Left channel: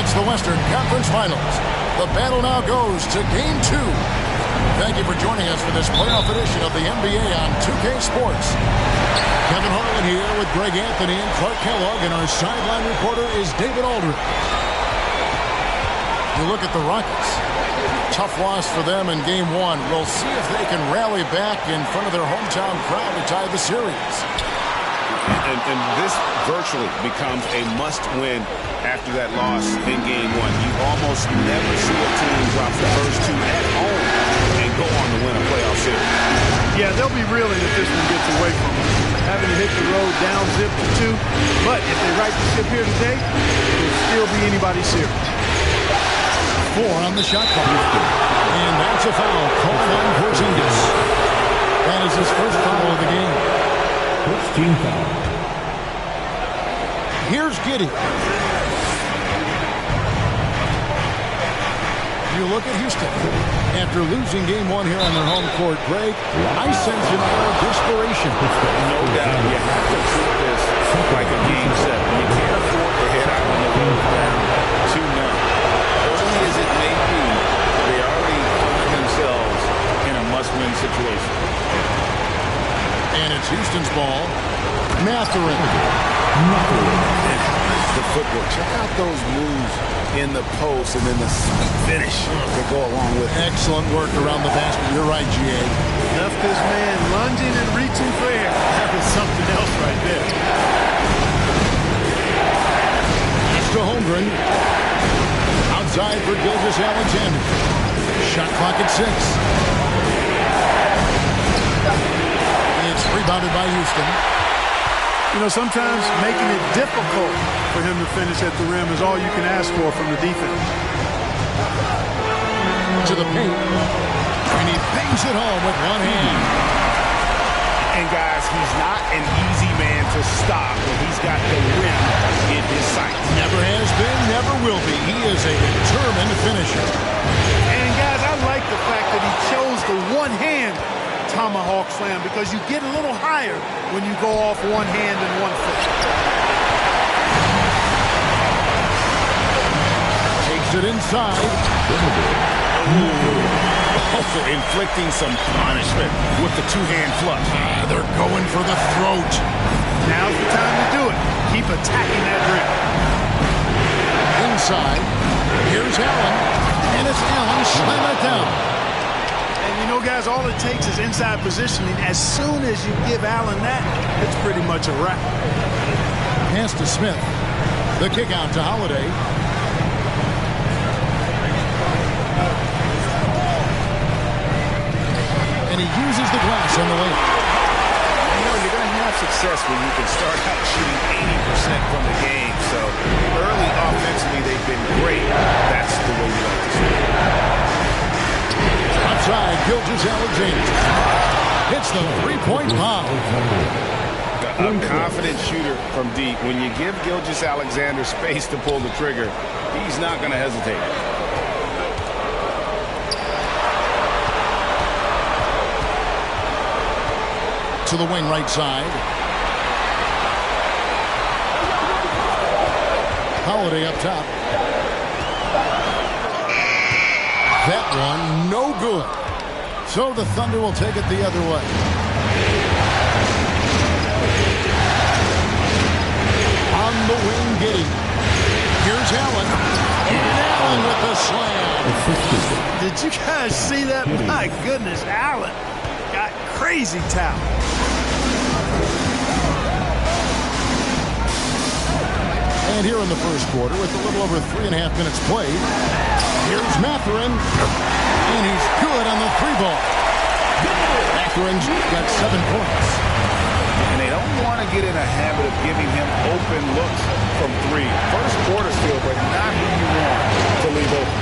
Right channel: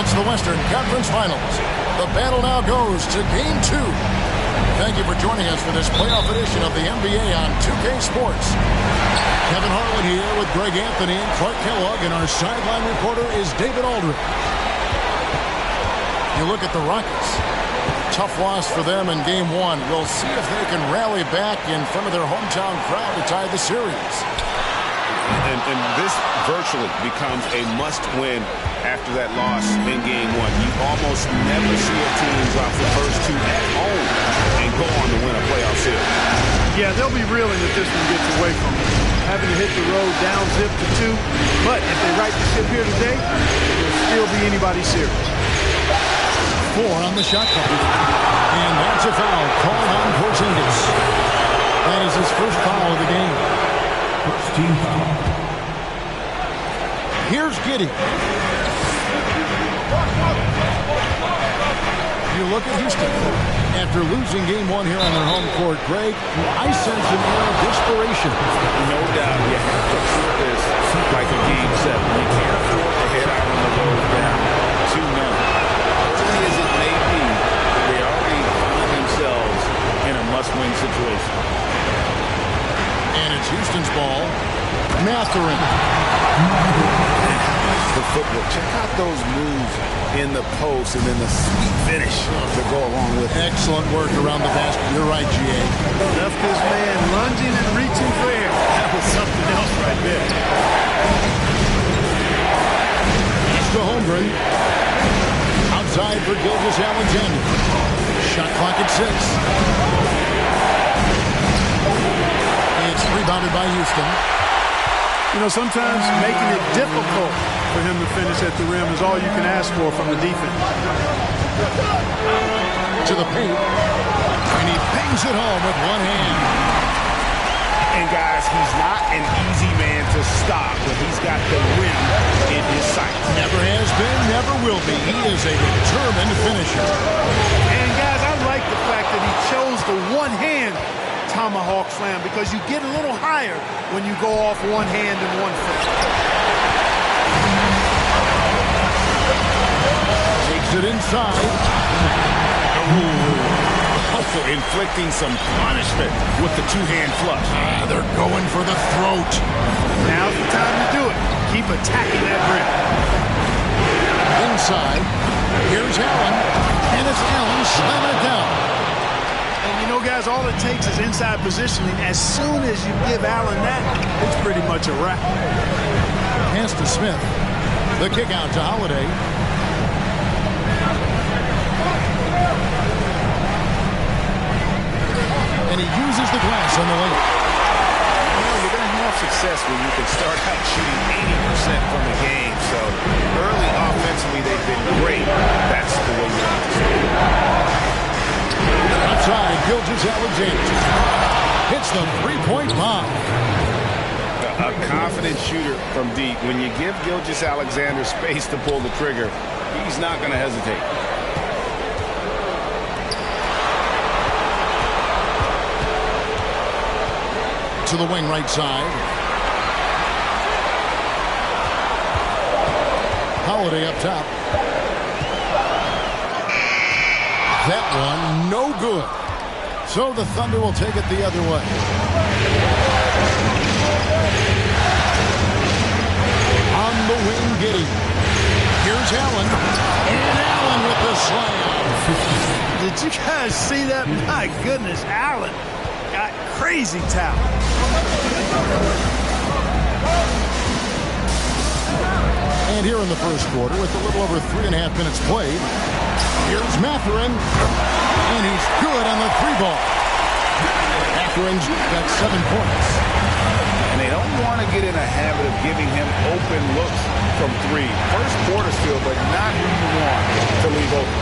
It's the Western Conference Finals. The battle now goes to Game 2. Thank you for joining us for this playoff edition of the NBA on 2K Sports. Kevin Harlan here with Greg Anthony and Clark Kellogg, and our sideline reporter is David Aldridge. You look at the Rockets. Tough loss for them in Game 1. We'll see if they can rally back in front of their hometown crowd to tie the series. And this virtually becomes a must-win after that loss in Game 1. You almost never see a team drop the first two at home and go on to win a playoff series. Yeah, they'll be reeling if this one gets away from them. Having to hit the road down zip to 2. But if they right the ship here today, it'll still be anybody's series. 4 on the shot clock. And that's a foul called on Porzingis. That is his first foul of the game. First team foul. Here's Giddey. You look at Houston. After losing Game 1 here on their home court, Greg, I sense an air of desperation. No doubt. You have to treat this like a Game 7. You can't afford to head out on the road down 2-0. Early as it may be, they already find themselves in a must-win situation. And it's Houston's ball. Mathurin. And how about the footwork? Check out those moves in the post and then the sweet finish to go along with it. Excellent work around the basket. You're right, G.A. Left this man lunging and reaching for air. That was something else right there. Pass to Holmgren. Outside for Gilgeous-Alexander. Shot clock at 6. It's rebounded by Houston. You know, sometimes making it difficult for him to finish at the rim is all you can ask for from the defense. To the paint. And he bangs it home with one hand. And guys, he's not an easy man to stop when he's got the rim in his sights. Never has been, never will be. He is a determined finisher. And guys, I like the fact that he chose the one-hand tomahawk slam because you get a little higher when you go off one hand and one foot. Takes it inside. Also inflicting some punishment with the two-hand flush. They're going for the throat. Now's the time to do it. Keep attacking that rim. Inside. Here's Allen. And it's Allen slamming it down. And you know, guys, all it takes is inside positioning. As soon as you give Allen that, it's pretty much a wrap. Pass to Smith. The kick out to Holiday. And he uses the glass on the layup. You know, you're going to have success when you can start out shooting 80% from the game. So early offensively, they've been great. That's the way you like to see it. Outside, Gilgeous-Alexander hits the three-point bomb. A confident shooter from deep. When you give Gilgeous-Alexander space to pull the trigger, he's not going to hesitate. To the wing right side. Holiday up top. That one, no good. So the Thunder will take it the other way. On the wing, Giddey. Here's Allen. And Allen with the slam. Did you guys see that? My goodness, Allen got crazy talent. And here in the first quarter, with a little over 3.5 minutes played, here's Mathurin, and he's good on the three ball. Mathurin's got 7 points. And they don't want to get in a habit of giving him open looks from 3. First quarter still, but not who you want to leave open.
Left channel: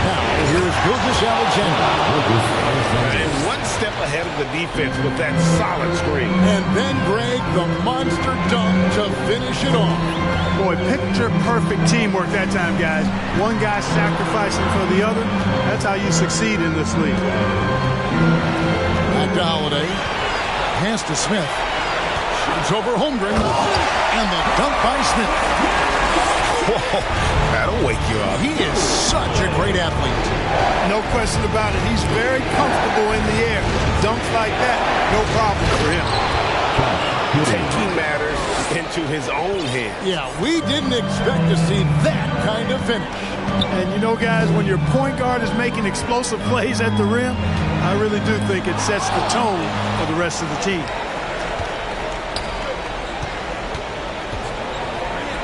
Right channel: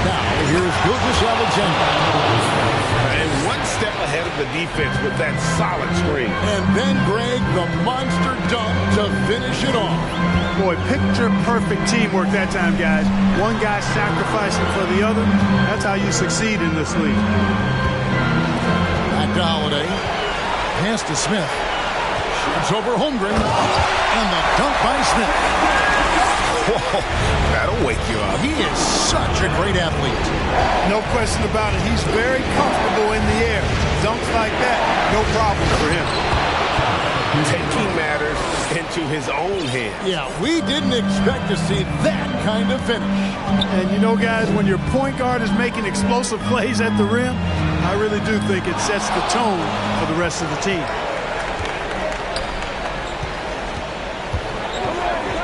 Now, here's Gilgeous-Alexander. And one step ahead of the defense with that solid screen. And then, Greg, the monster dunk to finish it off. Boy, picture-perfect teamwork that time, guys. One guy sacrificing for the other. That's how you succeed in this league. Back to Holiday. Pass to Smith. Shoots over Holmgren. And the dunk by Smith. Whoa, that'll wake you up. He is such a great athlete. No question about it. He's very comfortable in the air. Dunks like that, no problem for him. Taking matters into his own hands. Yeah, we didn't expect to see that kind of finish. And you know, guys, when your point guard is making explosive plays at the rim, I really do think it sets the tone for the rest of the team.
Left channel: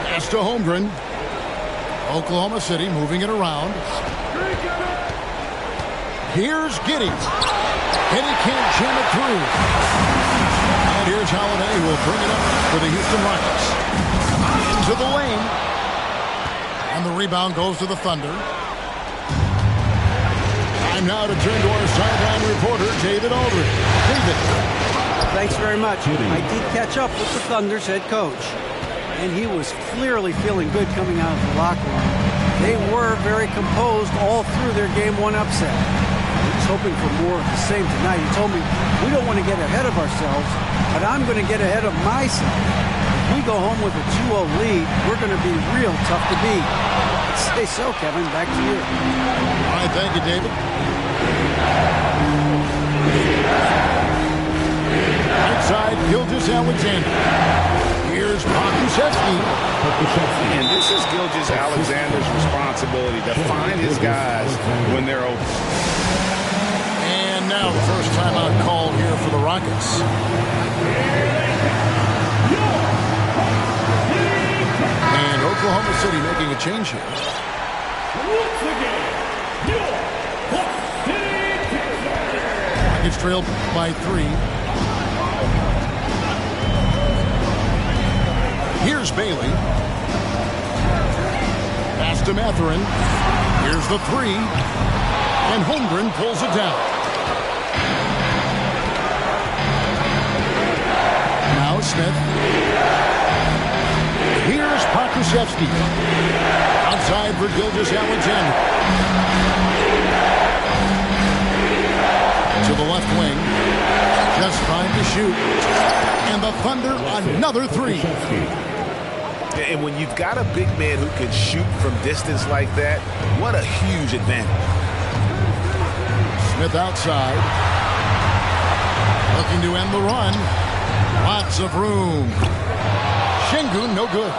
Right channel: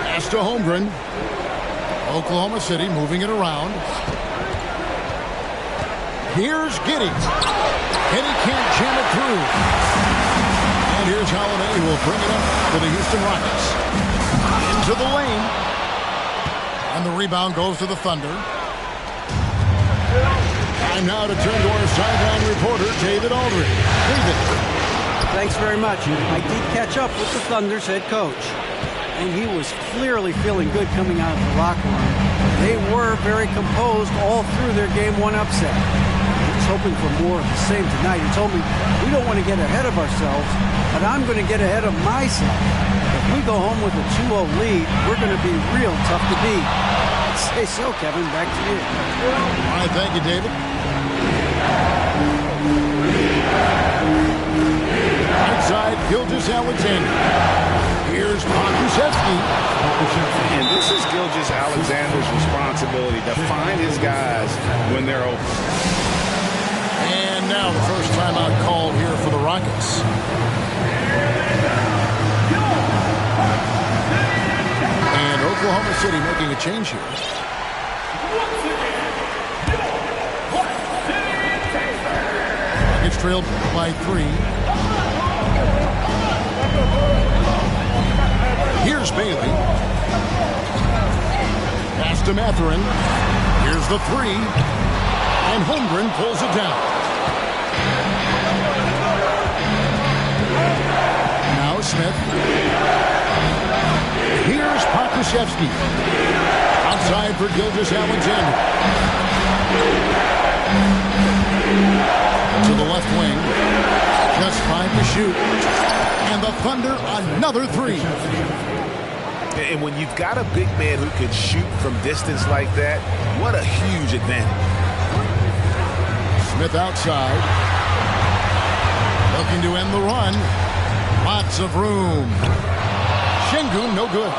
Pass to Holmgren. Oklahoma City moving it around. Here's Giddey. And he can't jam it through. And here's Holiday, who will bring it up for the Houston Rockets. Into the lane. And the rebound goes to the Thunder. Time now to turn to our sideline reporter, David Aldridge. David. Thanks very much. I did catch up with the Thunder's head coach, and he was clearly feeling good coming out of the locker room. They were very composed all through their Game 1 upset. He's hoping for more of the same tonight. He told me, we don't want to get ahead of ourselves, but I'm going to get ahead of myself. If we go home with a 2-0 lead, we're going to be real tough to beat. I'd say so, Kevin. Back to you. All right, thank you, David. Right side, Gilgeous-Alexander. Here's Pokusevski. And this is Gilgeous-Alexander's responsibility to find his guys when they're open. And now the first timeout called here for the Rockets. And Oklahoma City making a change here. Rockets trailed by 3. Here's Bailey. Pass to Mathurin. Here's the 3. And Holmgren pulls it down. Now Smith. Here's Pokusevski. Outside for Gilgeous-Alexander. To the left wing. Just 5 to shoot. And the Thunder another 3. And when you've got a big man who can shoot from distance like that, what a huge advantage. Smith outside. Looking to end the run. Lots of room. Şengün no good.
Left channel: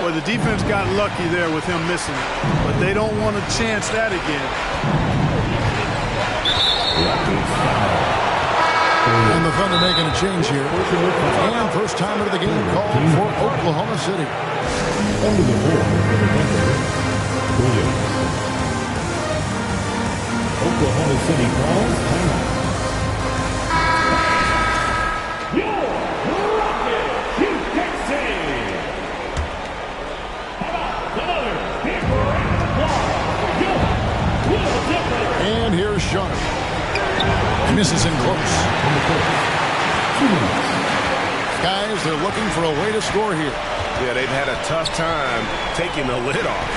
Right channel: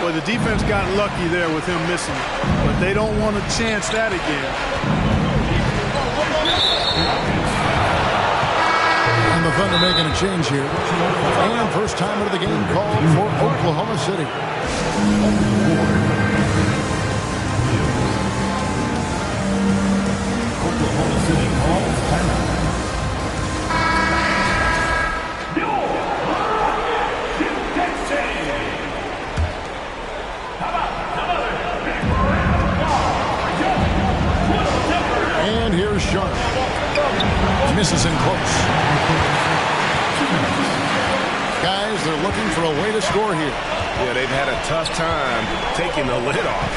Well, the defense got lucky there with him missing it, but they don't want to chance that again. And the Thunder making a change here. And first time out of the game called for Oklahoma City. Under the board for the Thunder, Williams. Oklahoma City calls timeout. And here's Sharp. Misses in close. Guys, they're looking for a way to score here. Yeah, they've had a tough time taking the lid off.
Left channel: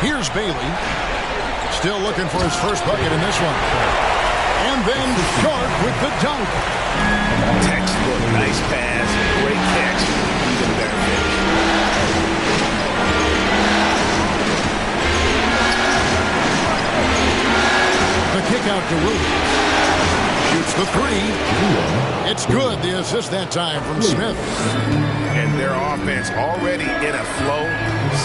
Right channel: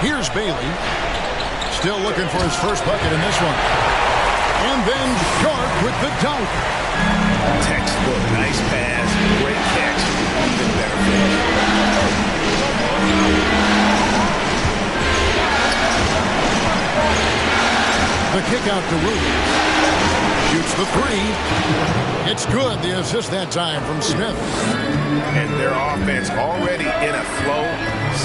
Here's Bailey. Still looking for his first bucket in this one. And then Sharp with the dunk. Textbook, nice pass, great catch, even better finish. The kick out to Williams. Shoots the 3. It's good. The assist that time from Smith. And their offense already in a flow.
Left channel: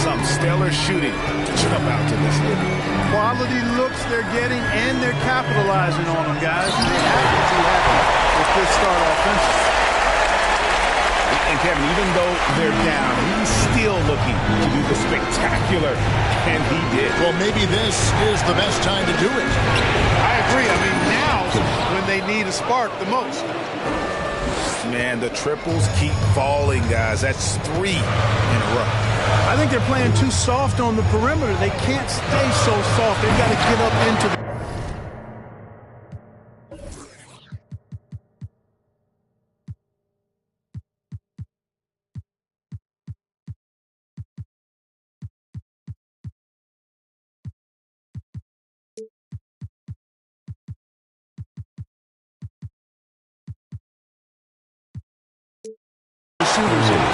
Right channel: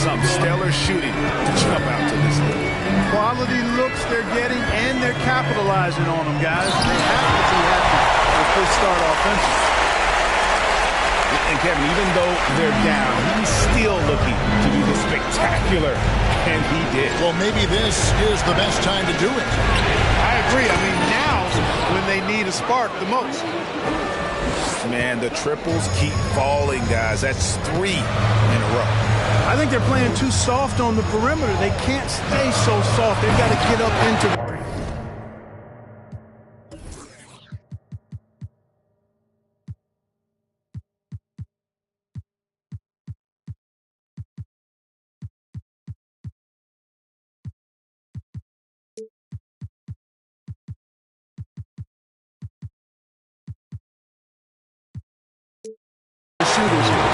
Some stellar shooting to jump out to this lead. Quality looks they're getting, and they're capitalizing on them, guys. They have to be happy with this start offensively. And Kevin, even though they're down, he's still looking to do the spectacular, and he did. Well, maybe this is the best time to do it. I agree. I mean, now's when they need a spark the most. Man, the triples keep falling, guys. That's 3 in a row. I think they're playing too soft on the perimeter. They can't stay so soft. They've got to get up into the shooters here.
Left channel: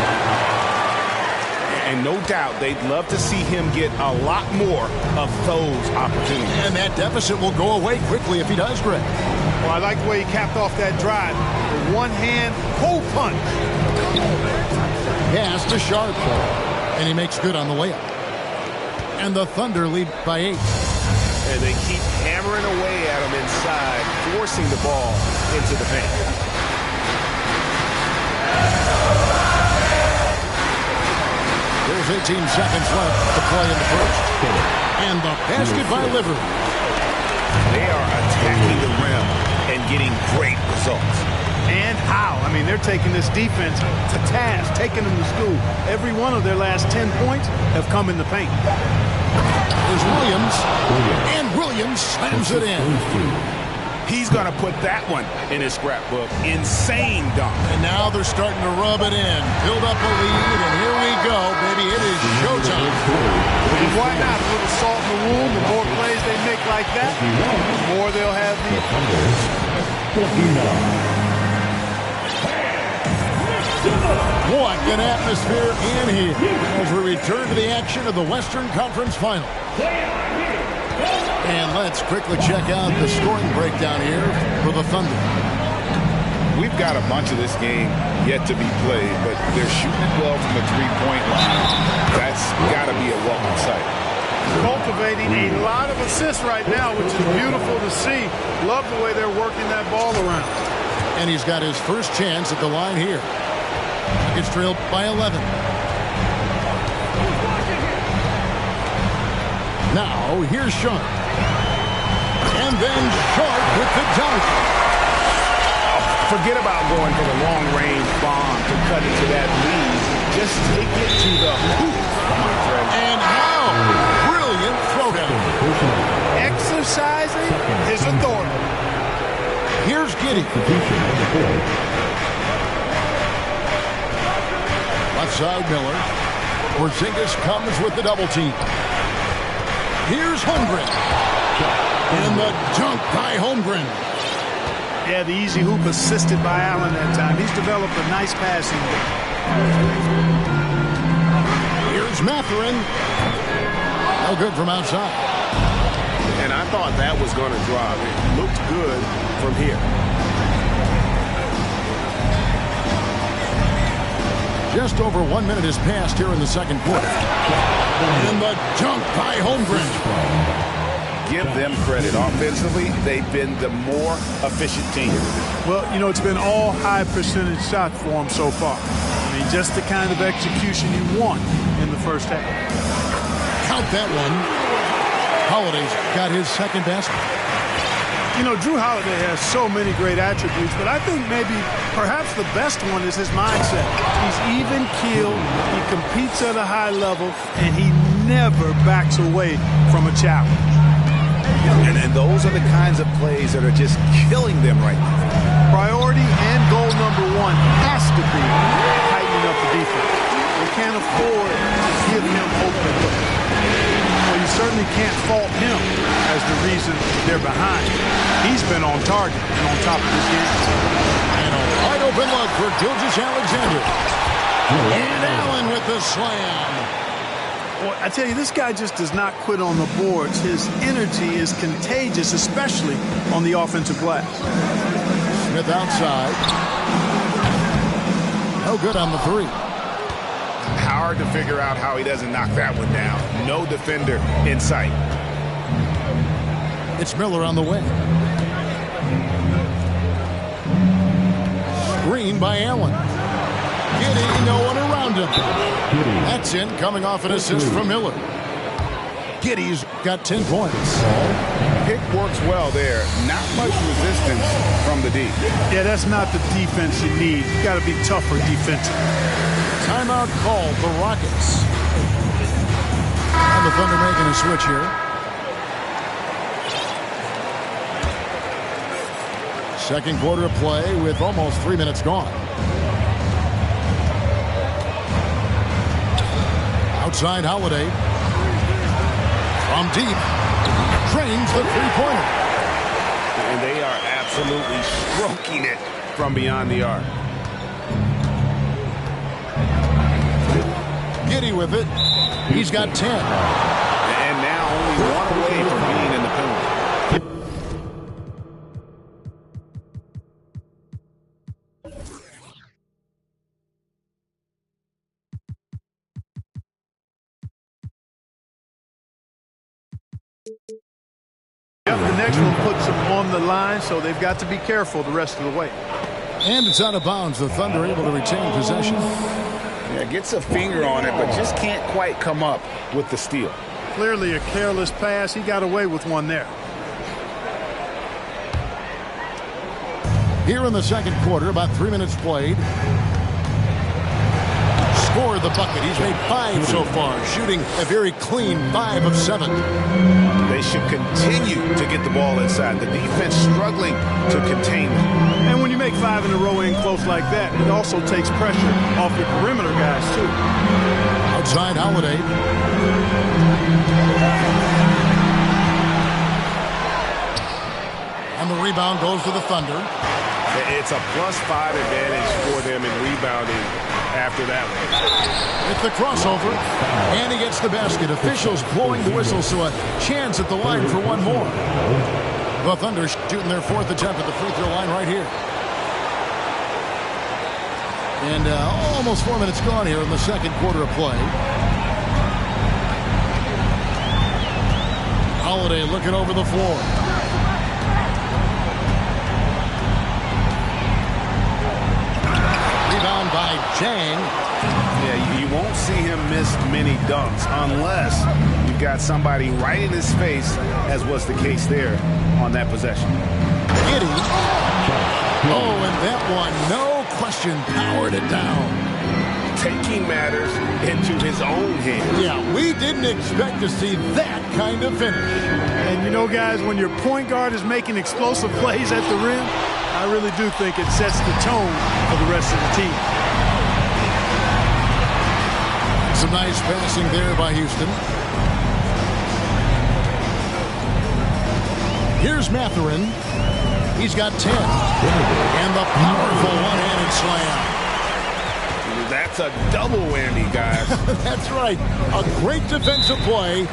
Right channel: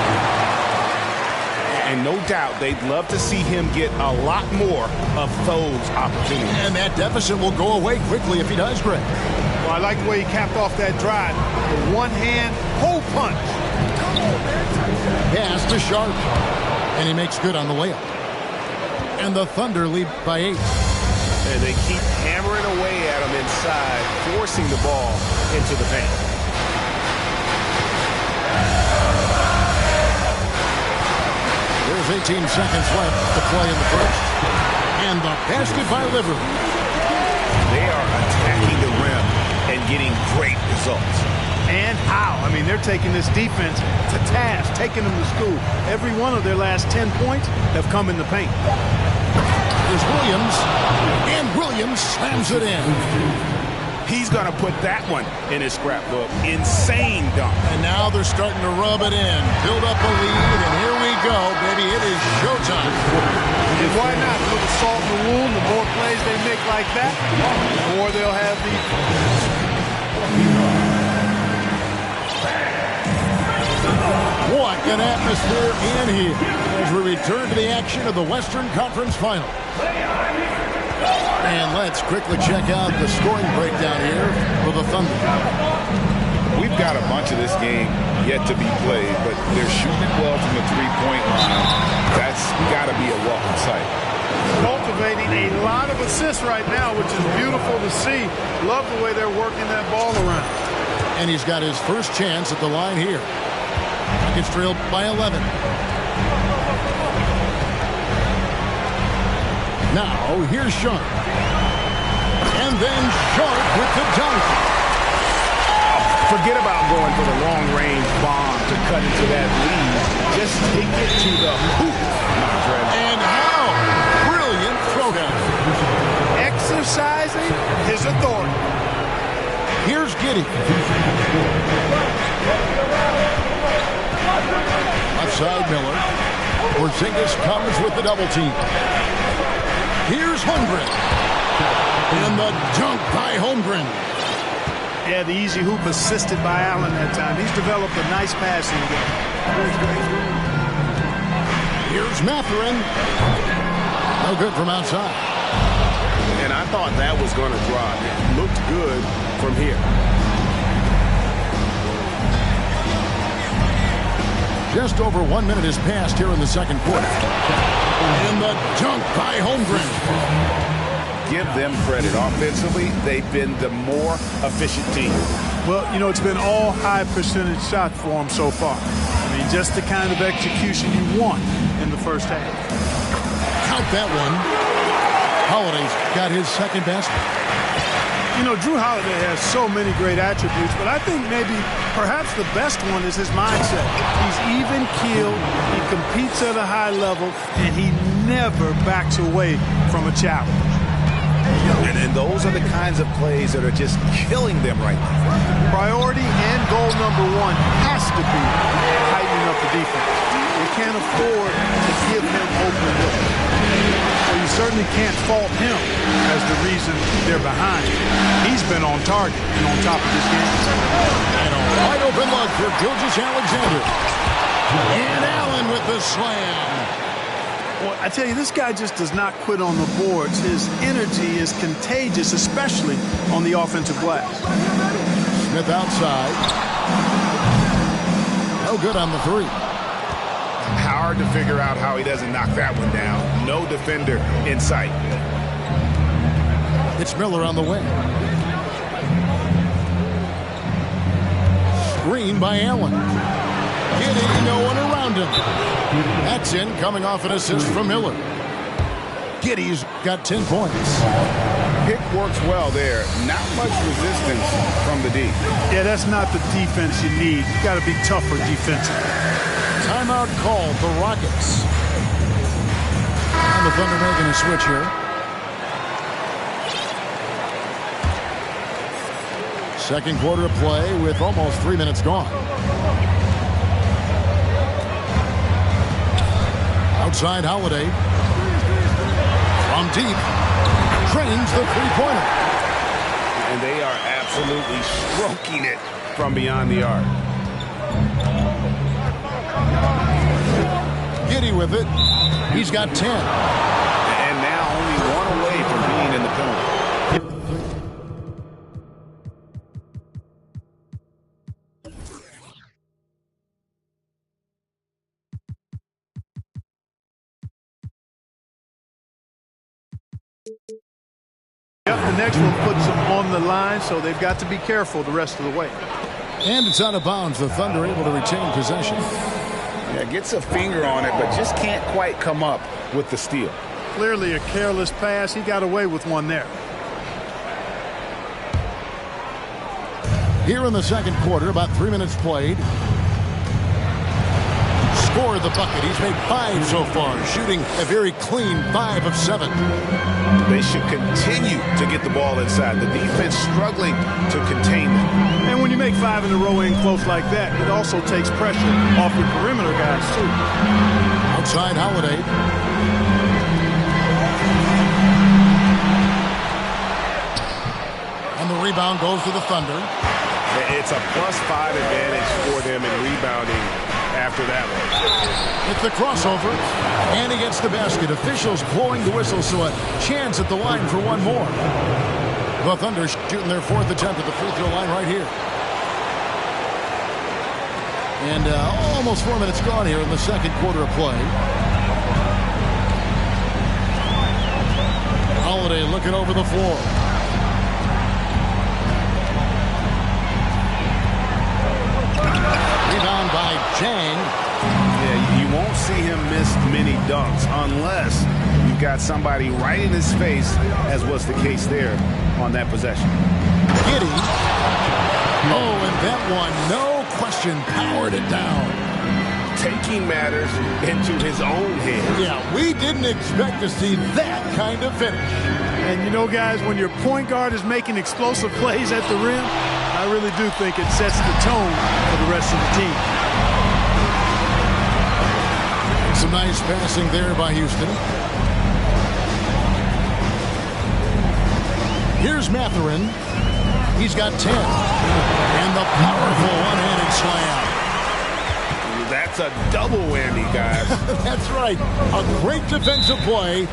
And no doubt they'd love to see him get a lot more of those opportunities. And that deficit will go away quickly if he does, Greg. Well, I like the way he capped off that drive. The one-hand hole punch. Pass to Sharp. And he makes good on the layup. And the Thunder lead by 8. And they keep hammering away at him inside, forcing the ball into the paint. There's 18 seconds left to play in the first. And the basket by Liver. They are attacking the rim and getting great results. And how? I mean, they're taking this defense to task, taking them to school. Every one of their last 10 points have come in the paint. Is Williams, and Williams slams it in. He's going to put that one in his scrapbook. Insane dunk. And now they're starting to rub it in. Build up a lead, and here we go, baby. It is showtime. And why not? A little salt in the wound. The more plays they make like that, the more they'll have the... What an atmosphere in here as we return to the action of the Western Conference Final. And let's quickly check out the scoring breakdown here for the Thunder. We've got a bunch of this game yet to be played, but they're shooting it well from the three-point line. That's got to be a welcome sight. Cultivating a lot of assists right now, which is beautiful to see. Love the way they're working that ball around. And he's got his first chance at the line here. Rockets trailed by 11. Now, here's Sharp. And then Sharp with the dunk. Forget about going for the long-range bomb to cut into that lead. Just take it to the hoop, my friend. And how brilliant throwdown. Exercising his authority. Here's Giddey. Left side, Miller. Porzingis comes with the double team. Here's Holmgren. And the dunk by Holmgren. Yeah, the easy hoop assisted by Allen that time. He's developed a nice passing game. Here's Mathurin. No good from outside. And I thought that was going to drop. It looked good from here. Just over 1 minute has passed here in the second quarter. And the dunk by Holmgren. Give them credit. Offensively, they've been the more efficient team. Well, you know, it's been all high percentage shots for them so far. I mean, just the kind of execution you want in the first half. Count that one. Holiday's got his second basket. You know, Drew Holiday has so many great attributes, but I think maybe perhaps the best one is his mindset. He's even-keeled, he competes at a high level, and he never backs away from a challenge. And those are the kinds of plays that are just killing them right now. Priority and goal number one has to be tightening up the defense. They can't afford to give him open looks. Well, you certainly can't fault him as the reason they're behind. He's been on target and on top of this game. And a wide open look for Gilgeous-Alexander. And Allen with the slam. Well, I tell you, this guy just does not quit on the boards. His energy is contagious, especially on the offensive glass. Smith outside. No good on the three. Hard to figure out how he doesn't knock that one down. No defender in sight. It's Miller on the way. Screen by Allen. Giddey, no one around him. That's in, coming off an assist from Miller. Giddey's got 10 points. Pick works well there. Not much resistance from the D. Yeah, that's not the defense you need. You got to be tougher defensively. Timeout called, the Rockets. And the Thunder making a switch here. Second quarter of play with almost 3 minutes gone. Outside Holiday. From deep. Trains the three-pointer. And they are absolutely stroking it from beyond the arc. Giddey with it. He's got 10. And now only one away from being in the penalty. Yep, the next one puts them on the line, so they've got to be careful the rest of the way. And it's out of bounds. The Thunder able to retain possession. Yeah, gets a finger on it, but just can't quite come up with the steal. Clearly a careless pass. He got away with one there. Here in the second quarter, about 3 minutes played. Scored the bucket. He's made 5 so far, shooting a very clean 5 of 7. They should continue to get the ball inside. The defense struggling to contain them. And when you make 5 in a row in close like that, it also takes pressure off your perimeter guys, too. Outside Holiday. And the rebound goes to the Thunder. It's a +5 advantage for them in rebounding after that one. It's the crossover, and he gets the basket. Officials blowing the whistle, so a chance at the line for one more. The Thunder shooting their 4th attempt at the free throw line right here. And almost 4 minutes gone here in the second quarter of play. Holiday looking over the floor. Rebound by Jang. Yeah, you won't see him miss many dunks unless you've got somebody right in his face, as was the case there on that possession. Giddey. Oh, and that one, no question, powered it down. Taking matters into his own hands. Yeah, we didn't expect to see that kind of finish. And you know, guys, when your point guard is making explosive plays at the rim, I really do think it sets the tone for the rest of the team. And some nice passing there by Houston. Here's Mathurin. He's got 10. And the powerful one-handed slam. That's a double whammy, guys. That's right. A great defensive play.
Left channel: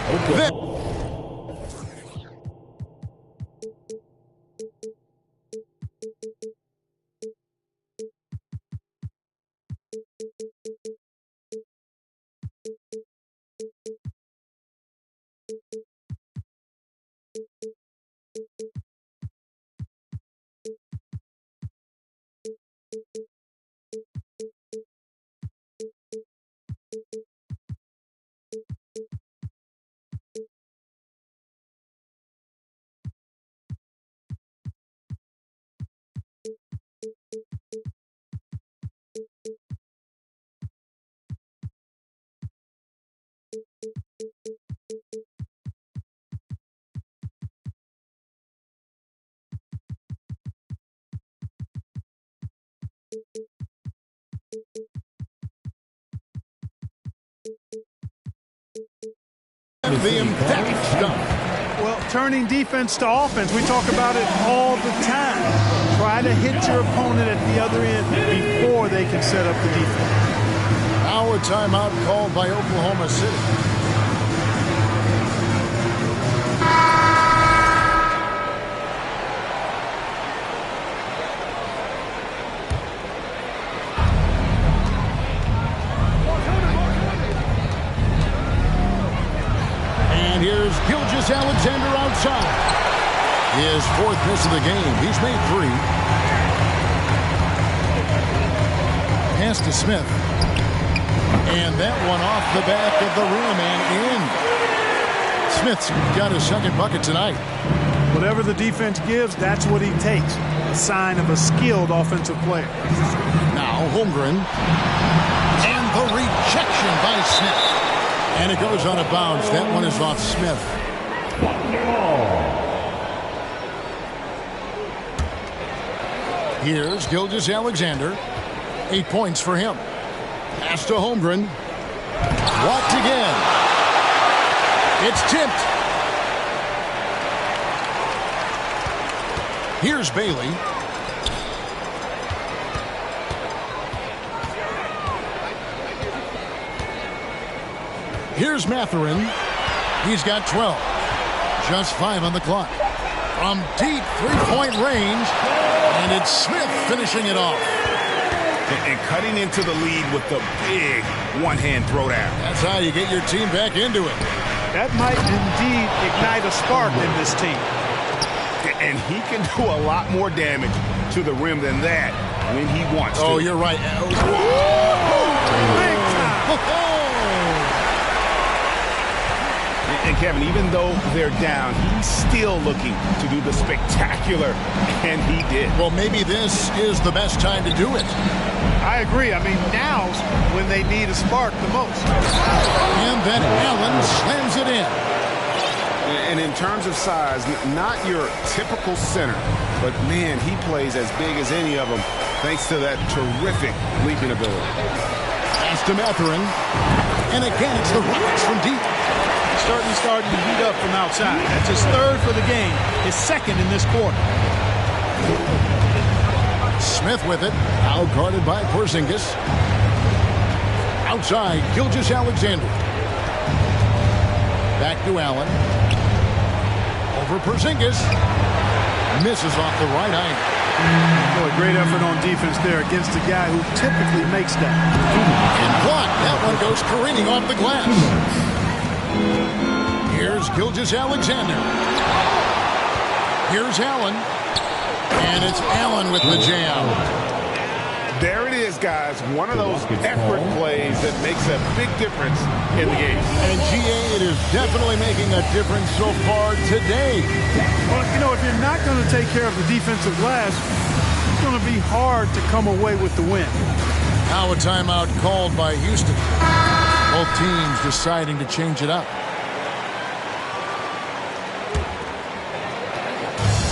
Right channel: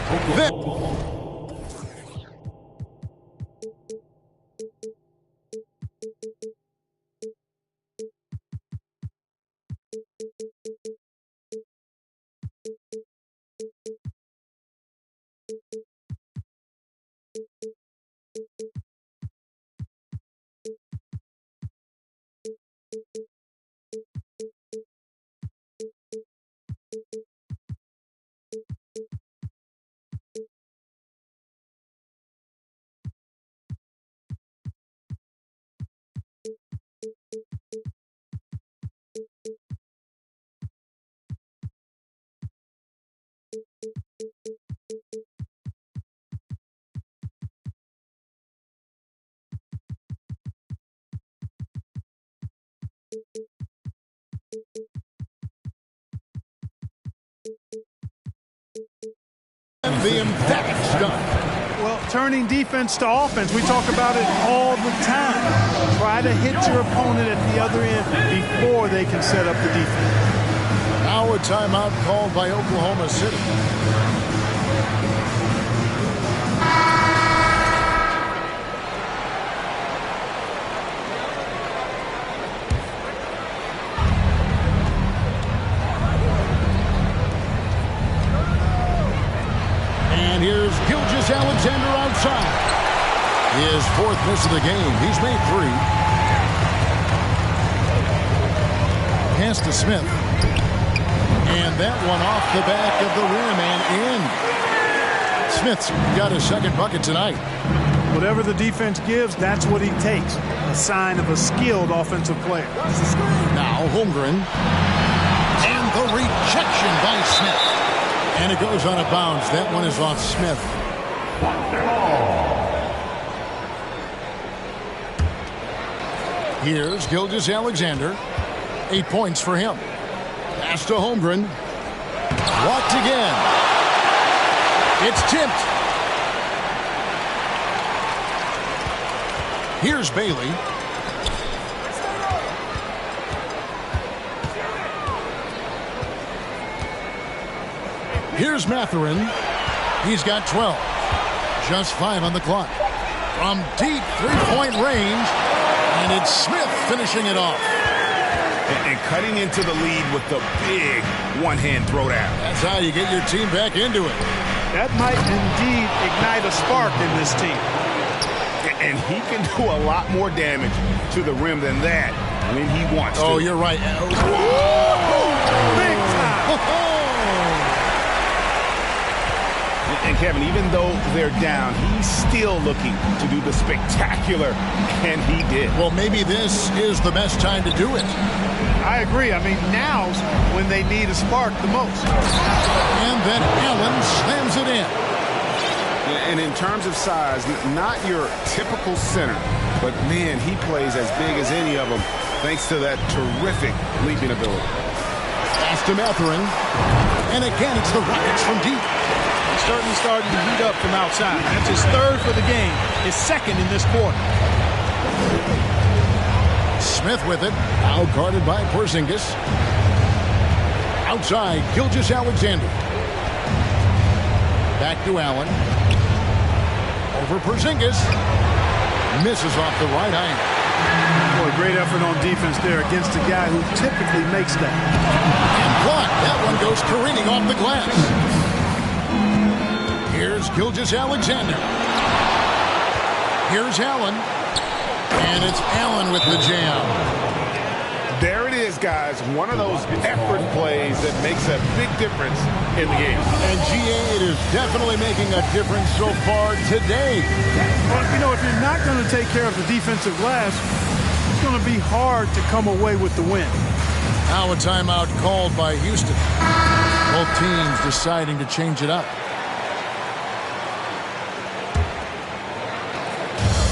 The emphatic stuff. Well, turning defense to offense, we talk about it all the time. Try to hit your opponent at the other end before they can set up the defense. Now a timeout called by Oklahoma City. And here's Gilgeous-Alexander outside. His 4th miss of the game. He's made 3. Pass to Smith. And that one off the back of the rim and in. Smith's got his 2nd bucket tonight. Whatever the defense gives, that's what he takes. A sign of a skilled offensive player. Now Holmgren. And the rejection by Smith. And it goes out of bounds. That one is off Smith. Here's Gilgeous-Alexander. 8 points for him. Pass to Holmgren. Blocked again. It's tipped. Here's Bailey. Here's Mathurin. He's got 12. Just 5 on the clock. From deep three-point range, and it's Smith finishing it off. And cutting into the lead with the big one-hand throwdown. That's how you get your team back into it. That might indeed ignite a spark in this team. And he can do a lot more damage to the rim than that when he wants to. Oh, you're right. Big time. And Kevin, even though they're down, he's still looking to do the spectacular, and he did. Well, maybe this is the best time to do it. I agree. I mean, now's when they need a spark the most. And then Allen slams it in. And in terms of size, not your typical center, but man, he plays as big as any of them thanks to that terrific leaping ability. Pass to Mathurin. And again, it's the Rockets from deep. He's starting to heat up from outside. That's his third for the game, his second in this quarter. Smith with it, out guarded by Porzingis. Outside, Gilgeous-Alexander. Back to Allen. Over Porzingis. Misses off the right iron. Boy, great effort on defense there against a guy who typically makes that. And blocked. That one goes careening off the glass. Here's Gilgeous-Alexander. Here's Allen. And it's Allen with the jam. There it is, guys. One of those effort plays that makes a big difference in the game. And GA, it is definitely making a difference so far today. Well, you know, if you're not going to take care of the defensive glass, it's going to be hard to come away with the win. Now a timeout called by Houston. Both teams deciding to change it up.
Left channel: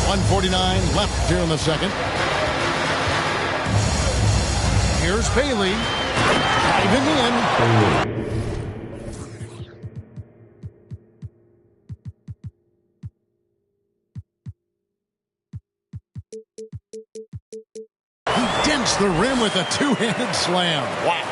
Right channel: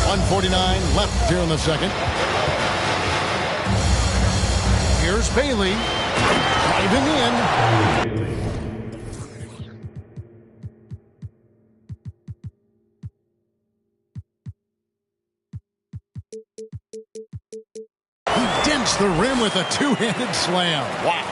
1:49 left here in the second. Here's Bailey driving in. He dents the rim with a two-handed slam. Wow.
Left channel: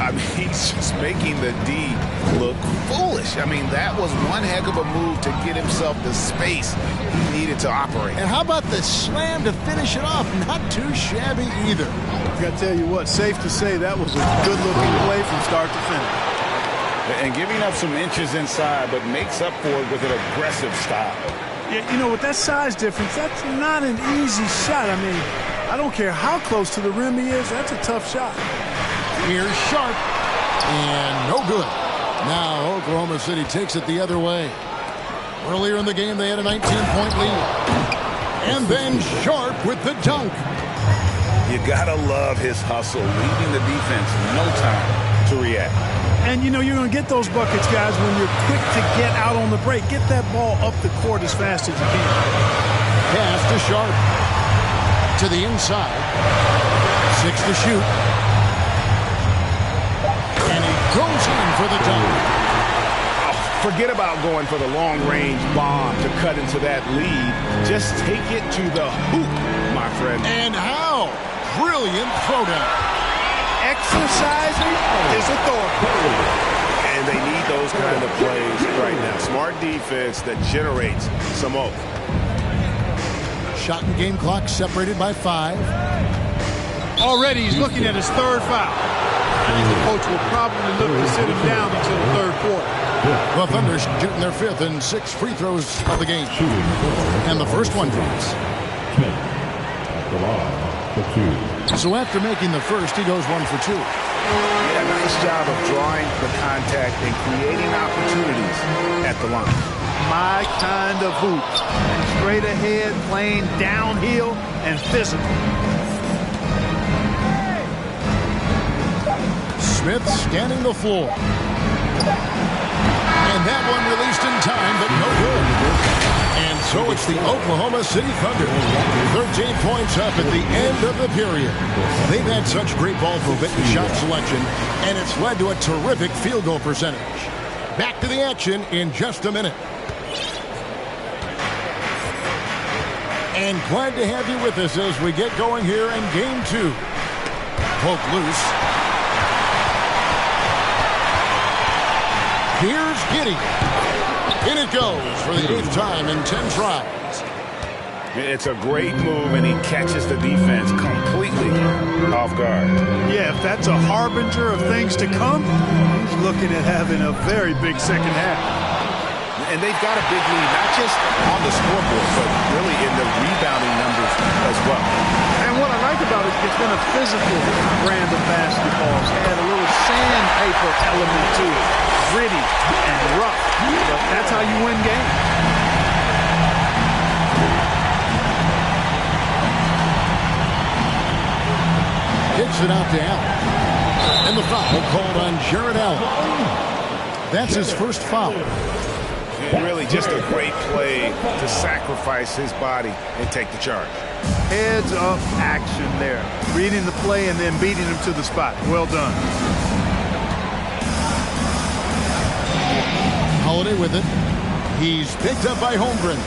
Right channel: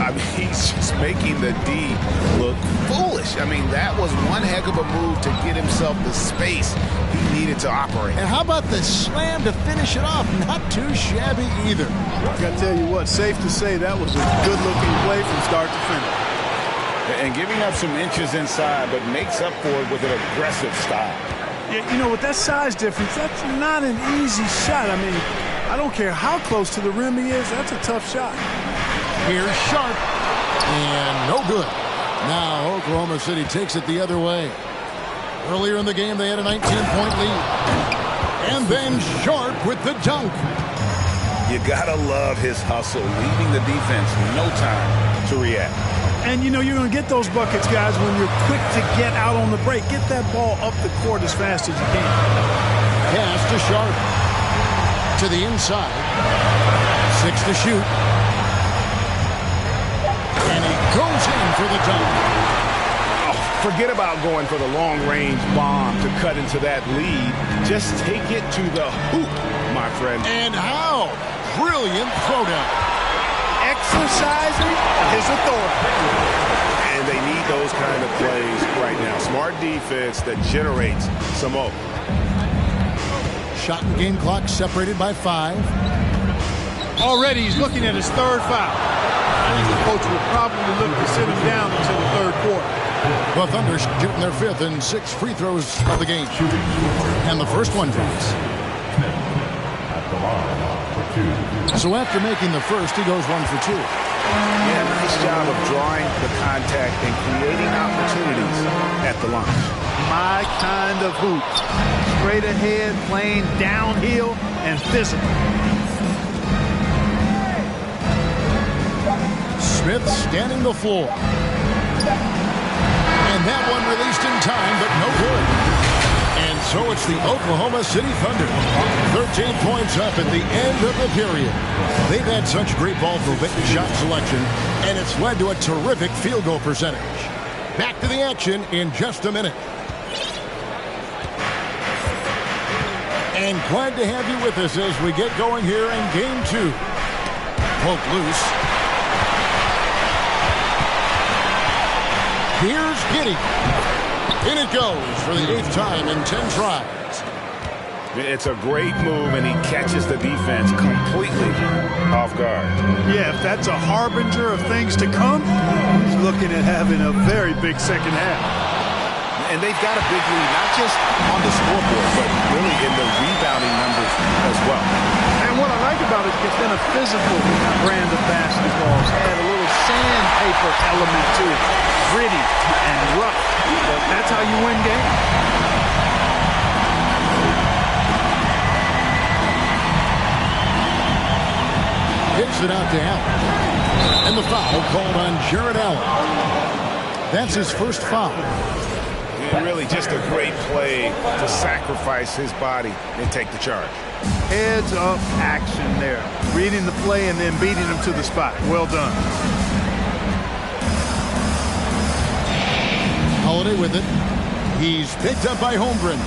I mean, he's just making the D look foolish. I mean, that was one heck of a move to get himself the space he needed to operate. And how about the slam to finish it off? Not too shabby either. I got to tell you what, safe to say that was a good-looking play from start to finish. And giving up some inches inside, but makes up for it with an aggressive style. Yeah, you know, with that size difference, that's not an easy shot. I mean, I don't care how close to the rim he is, that's a tough shot. Here's Sharp. And no good. Now Oklahoma City takes it the other way. Earlier in the game, they had a 19-point lead. And then Sharp with the dunk. You gotta love his hustle, leaving the defense no time to react. And, you know, you're going to get those buckets, guys, when you're quick to get out on the break. Get that ball up the court as fast as you can. Pass to Sharp. To the inside. 6 to shoot. And he goes in for the dunk. Oh, forget about going for the long-range bomb to cut into that lead. Just take it to the hoop, my friend. And how? Brilliant throwdown. Exercising his authority. And they need those kind of plays right now. Smart defense that generates some hope. Shot and game clock separated by 5. Already he's looking at his third foul. I think the coach will probably look to sit him down until the third quarter. The Thunder shooting their 5th and 6th free throws of the game. And the first one drops. So after making the first, he goes 1 for 2. Yeah, nice job of drawing the contact and creating opportunities at the line. My kind of hoops. Straight ahead, playing downhill, and physical. Smith scanning the floor. And that one released in time, but no good. And so it's the Oklahoma City Thunder. 13 points up at the end of the period. They've had such great ball movement and shot selection, and it's led to a terrific field goal percentage. Back to the action in just a minute. And glad to have you with us as we get going here in Game 2. Poke loose. Here's Giddey. In it goes for the 8th time in 10 tries. It's a great move, and he catches the defense completely off guard. Yeah, if that's a harbinger of things to come, he's looking at having a very big second half. And they've got a big lead, not just on the scoreboard, but really in the rebounding numbers as well. And what I like about it, it's been a physical brand of basketball. It's had a little sandpaper element to it. Gritty and rough, but that's how you win games. Kicks it out to Allen. And the foul called on Jarrett Allen. That's his first foul. And really just a great play to sacrifice his body and take the charge. Heads up action there. Reading the play and then beating him to the spot. Well done. Holiday with it. He's picked up by Holmgren.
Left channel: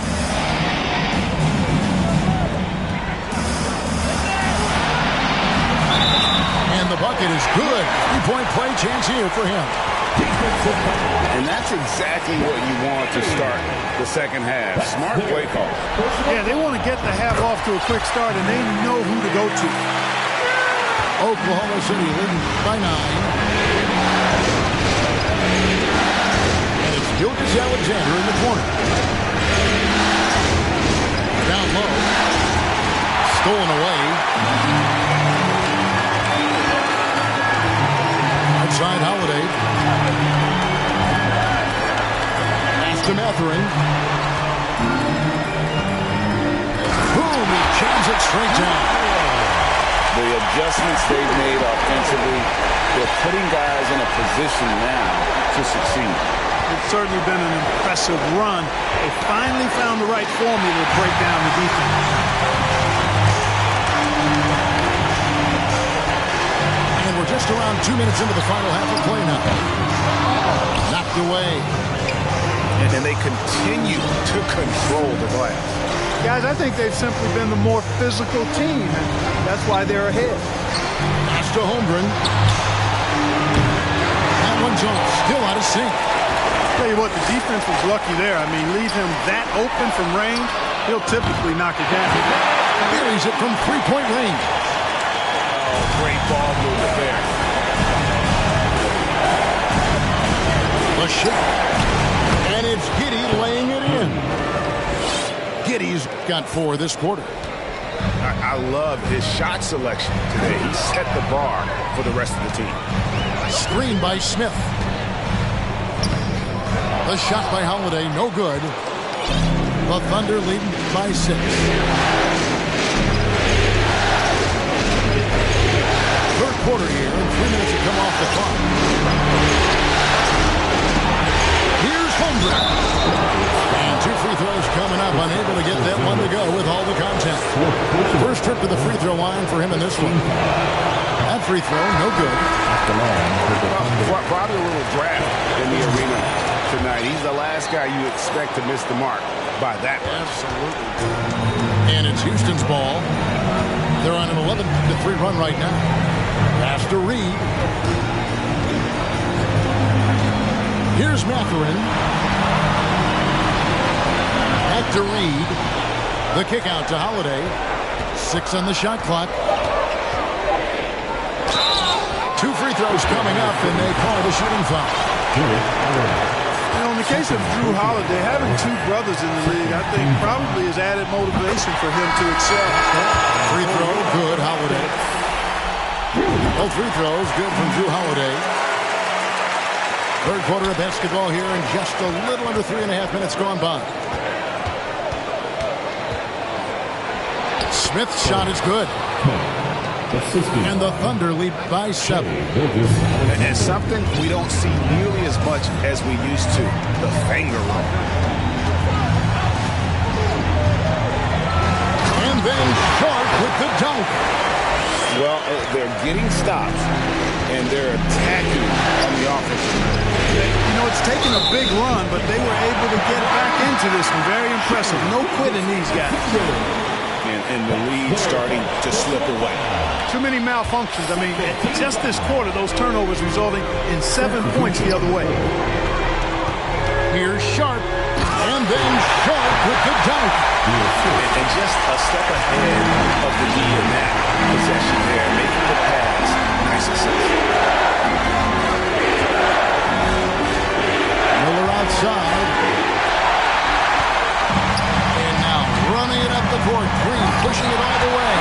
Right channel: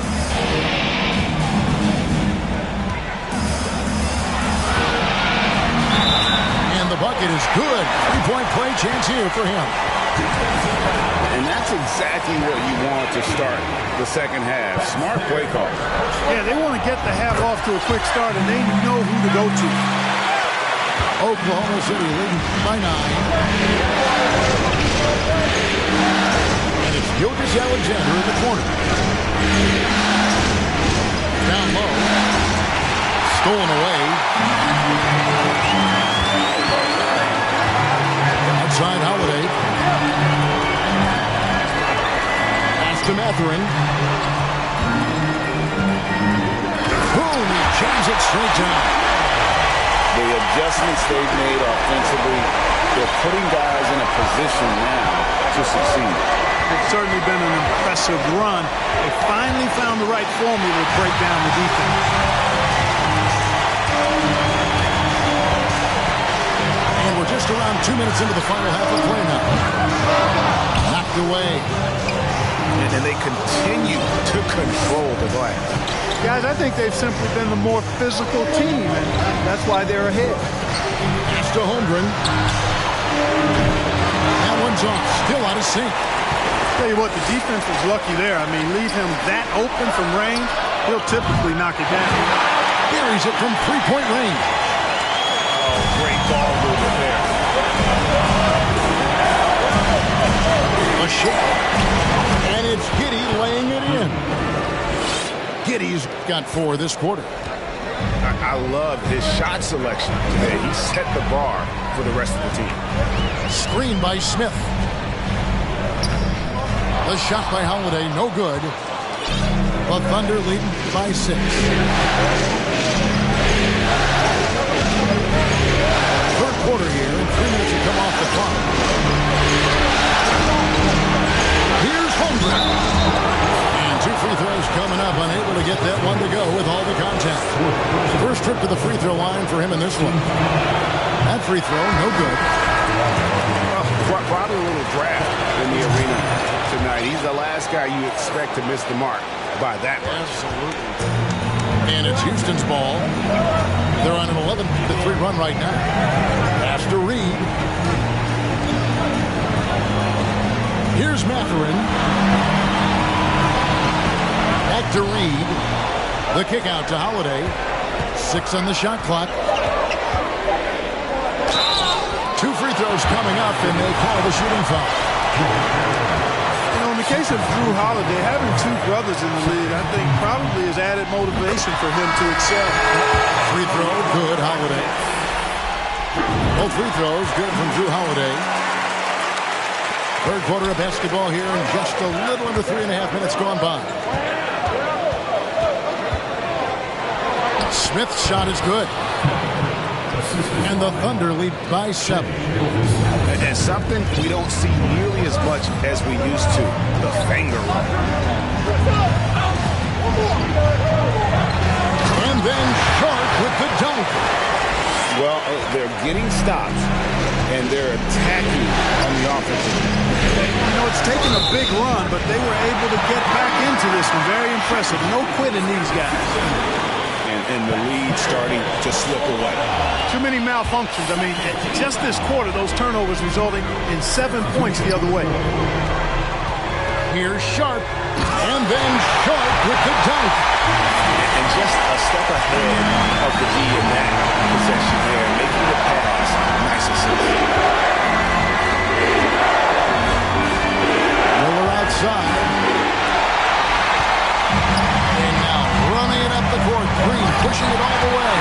And the bucket is good. 3-point play chance here for him. And that's exactly what you want to start the second half. Smart play call. Yeah, they want to get the half off to a quick start, and they know who to go to. Oklahoma City leading by 9. And it's Gilgeous-Alexander in the corner. Down low. Stolen away. Outside Holiday. To Mathurin. Boom, he jams it straight down. The adjustments they've made offensively, they're putting guys in a position now to succeed. It's certainly been an impressive run. They finally found the right formula to break down the defense. And we're just around 2 minutes into the final half of play now. Knocked away. And they continue to control the glass. Guys, I think they've simply been the more physical team, and that's why they're ahead. Pass to Holmgren. That one's off. Still out of sync. Tell you what, the defense was lucky there. I mean, leave him that open from range, he'll typically knock it down. Buries it from 3-point range. Oh, great ball movement there. A shake. And it's Giddey laying it in. Giddey's got 4 this quarter. I love his shot selection today. He set the bar for the rest of the team. Screen by Smith. The shot by Holiday, no good. The Thunder leading by 6. Third quarter here, and 3 minutes to come off the clock. Here's Holmgren. And 2 free throws coming up, unable to get that one to go with all the contact. First trip to the free throw line for him in this one. That free throw, no good. Well, probably a little draft in the arena tonight. He's the last guy you expect to miss the mark by that much. Absolutely. And it's Houston's ball. They're on an 11-3 run right now. Pass to Reed. Here's Mathurin. Back to Reed. The kick out to Holiday. 6 on the shot clock. 2 free throws coming up, and they call the shooting foul. You know, in the case of Jrue Holiday, having 2 brothers in the league, I think probably is added motivation for him to excel. Free throw, good, Holiday. Both free throws, good from Jrue Holiday. Third quarter of basketball here, and just a little under 3.5 minutes gone by. Smith's shot is good. And the Thunder lead by 7. And something we don't see nearly as much as we used to, the finger roll. And then Sharp with the dunk. Well, they're getting stops, and they're attacking on the offensive end. You know, it's taken a big run, but they were able to get back into this one. Very impressive. No quitting these guys. And the lead starting to slip away. Too many malfunctions. I mean, just this quarter, those turnovers resulting in 7 points the other way. Here's Sharp, and then Sharp with the dunk. And just a step ahead of the D in that possession there, making the pass. Nice assist. Miller outside. And now running it up the court. Green pushing it all the way.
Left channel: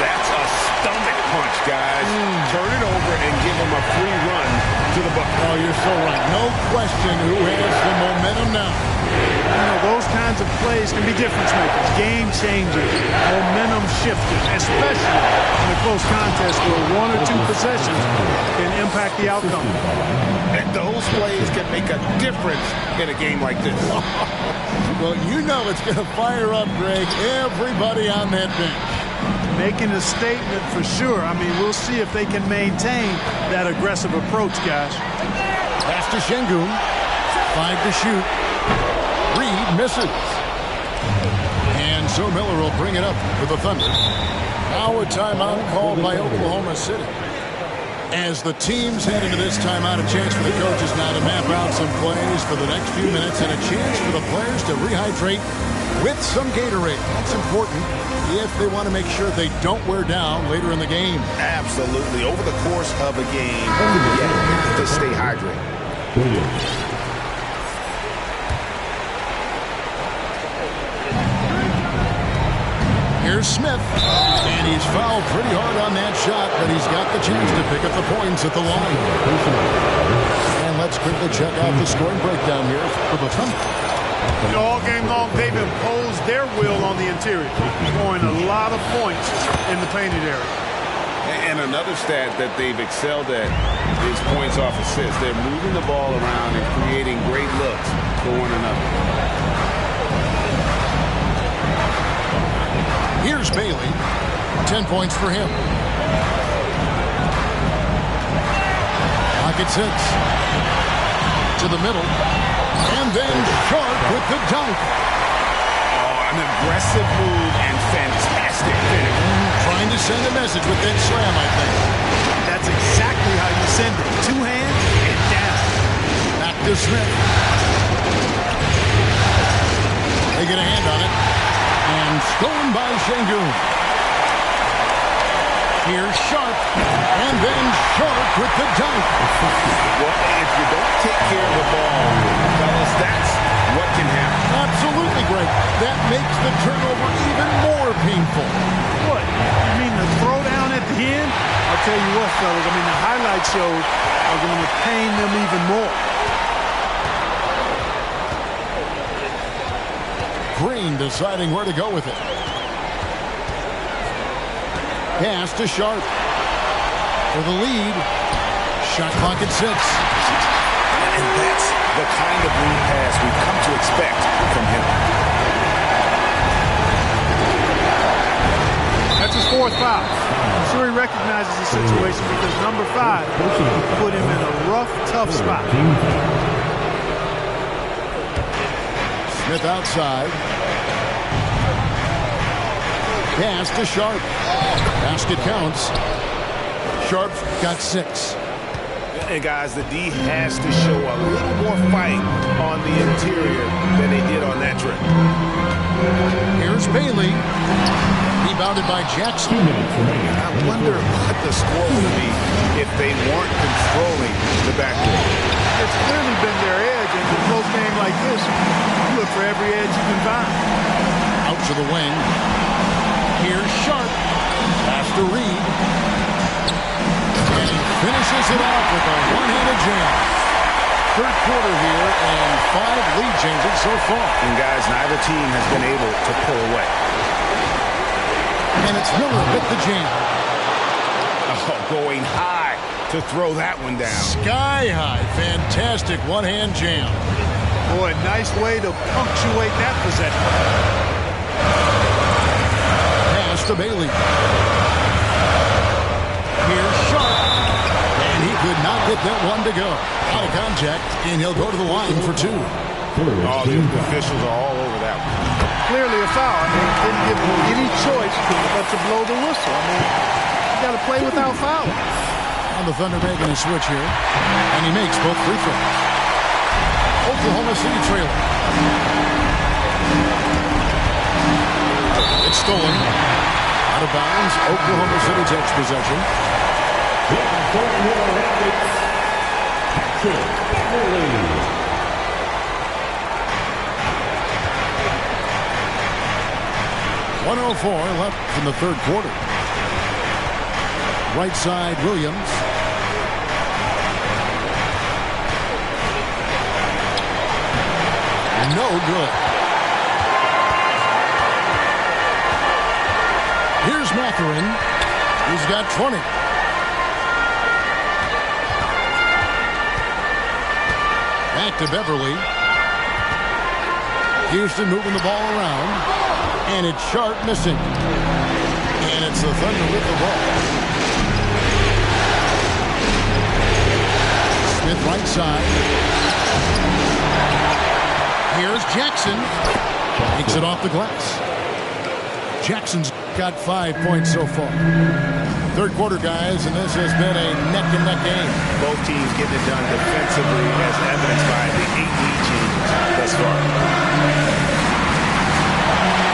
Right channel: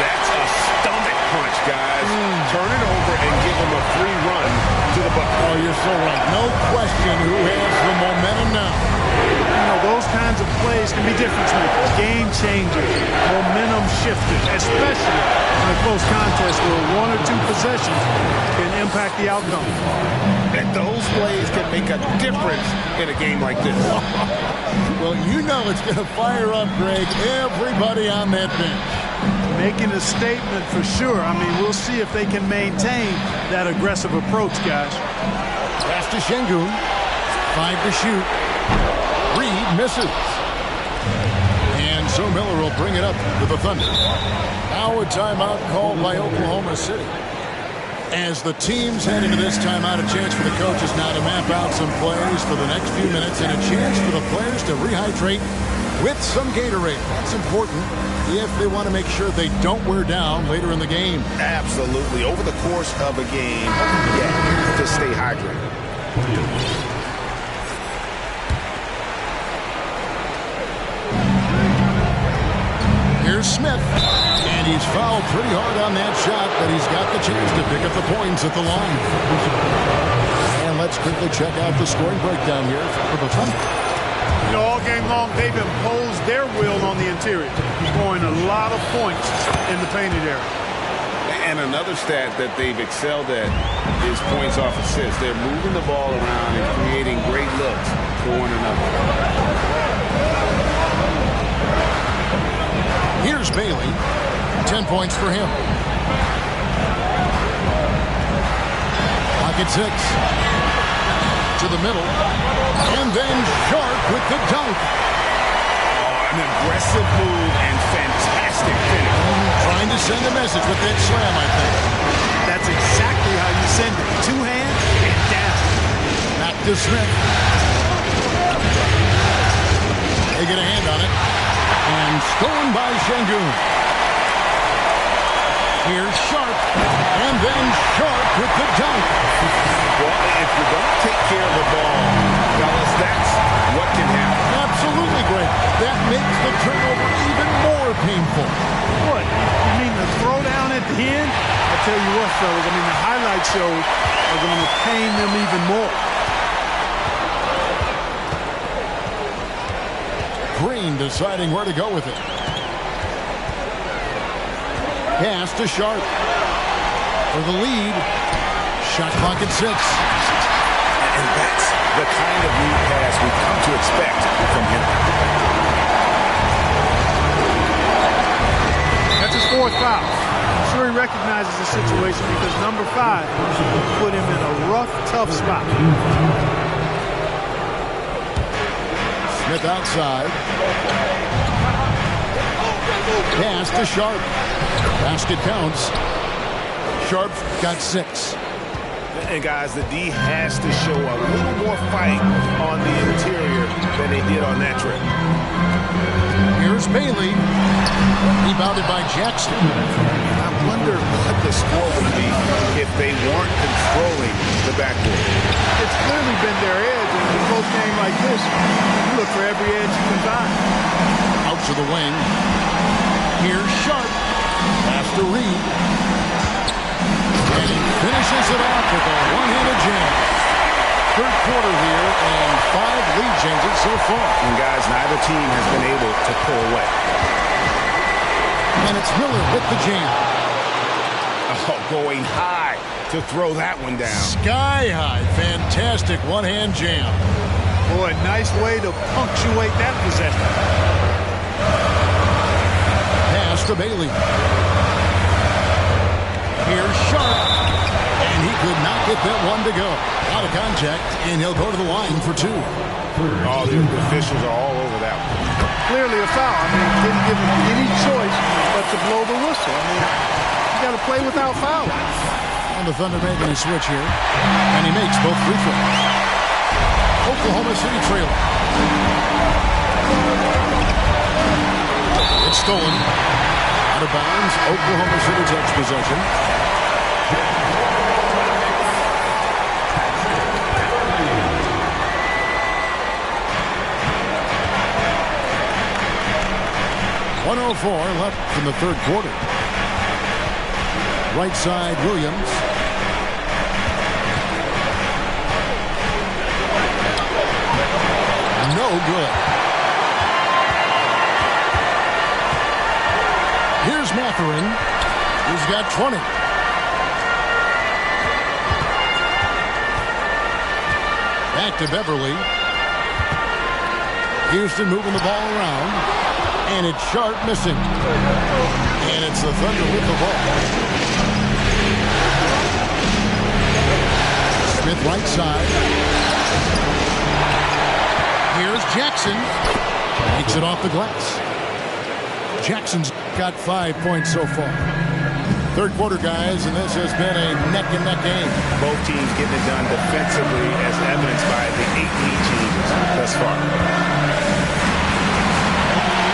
That's a stomach punch, guys. Turn it over and give him a free run to the bucket. Oh, you're so right. No question who has the momentum now. You know, those kinds of plays can be difference makers, game changers, momentum shifters, especially in a close contest where one or two possessions can impact the outcome. And those plays can make a difference in a game like this. Well, you know it's going to fire up, Greg, everybody on that bench. Making a statement for sure. I mean, we'll see if they can maintain that aggressive approach, guys. Pass to Şengün. 5 to shoot. Reed misses. And so Miller will bring it up with the Thunder. Now a timeout called by Oklahoma City. As the teams head into this timeout, a chance for the coaches now to map out some plays for the next few minutes and a chance for the players to rehydrate with some Gatorade. That's important if they want to make sure they don't wear down later in the game. Absolutely. Over the course of a game, you have to stay hydrated. Here's Smith, and he's fouled pretty hard on that shot, but he's got the chance to pick up the points at the line. And let's quickly check out the scoring breakdown here for the Thunder. You know, all game long, they've imposed their will on the interior, scoring a lot of points in the painted area. And another stat that they've excelled at is points off assists. They're moving the ball around and creating great looks for one another. Here's Bailey. 10 points for him. Pocket 6. To the middle. And then Sharp with the dunk. Oh, an aggressive move and fantastic finish. Trying to send a message with that slam, I think. That's exactly how you send it. 2 hands and down. Back to Smith. They get a hand on it. And stolen by Şengün. Here's Sharp. And then Sharp with the dunk. Well, if you don't take care of the ball, fellas, that's what can happen. Absolutely, Greg. That makes the turnover even more painful. What? You mean the throwdown at the end? I'll tell you what, fellas. I mean, the highlight shows are going to pain them even more. Green deciding where to go with it. Pass to Sharp for the lead. Shot clock at 6. And that's the kind of lead pass we've come to expect from him. That's his 4th foul. I'm sure he recognizes the situation because number 5 put him in a rough, tough spot. Smith outside. Pass to Sharp. Basket counts. Sharp's got 6. And guys, the D has to show a little more fight on the interior than they did on that trip. Here's Bailey. Rebounded by Jackson. I wonder what the score would be if they weren't controlling the backcourt. It's clearly been their edge, and in a close game like this, you look for every edge you can find. Out to the wing. Here's Sharp. Pass to Reed. And he finishes it off with a one-handed jam. Third quarter here, and 5 lead changes so far. And guys, neither team has been able to pull away. And it's Miller with the jam. Oh, going high to throw that one down. Sky high. Fantastic one-hand jam. Boy, nice way to punctuate that possession. Pass to Bailey. Here's Sharp. And he could not get that one to go. Out of contact, and he'll go to the line for 2. Oh, the officials are all over that one. Clearly a foul. I mean, didn't give him any choice but to blow the whistle. I mean, you got to play without fouling. And the Thunder making a switch here. And he makes both free throws. Oklahoma City trailing. It's stolen. Out of bounds. Oklahoma City takes possession. .104 left in the third quarter. Right side, Williams. No good. Here's Mathurin. He's got 20. Back to Beverly. Houston moving the ball around. And it's Sharp missing. And it's the Thunder with the ball. Smith right side. Here's Jackson. Takes it off the glass. Jackson's got 5 points so far. Third quarter, guys, and this has been a neck-and-neck game. Both teams getting it done defensively, as evidenced by the 8 lead changes thus far.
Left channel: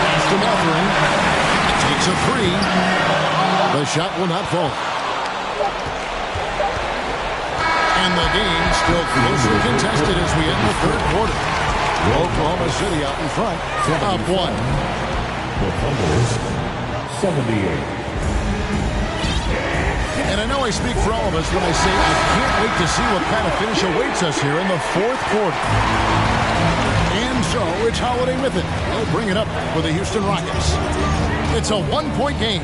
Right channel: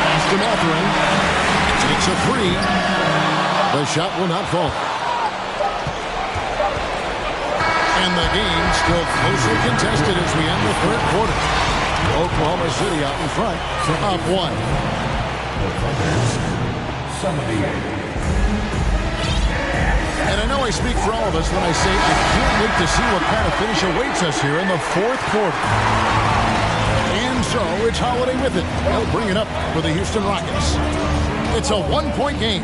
Pass to Mathurin. Takes a three. The shot will not fall. And the game still closely contested as we end the third quarter. Oklahoma City out in front, up one. The Thunder's 78. And I know I speak for all of us when I say I can't wait to see what kind of finish awaits us here in the fourth quarter. And so it's Holiday with it. He'll bring it up for the Houston Rockets. It's a one-point game.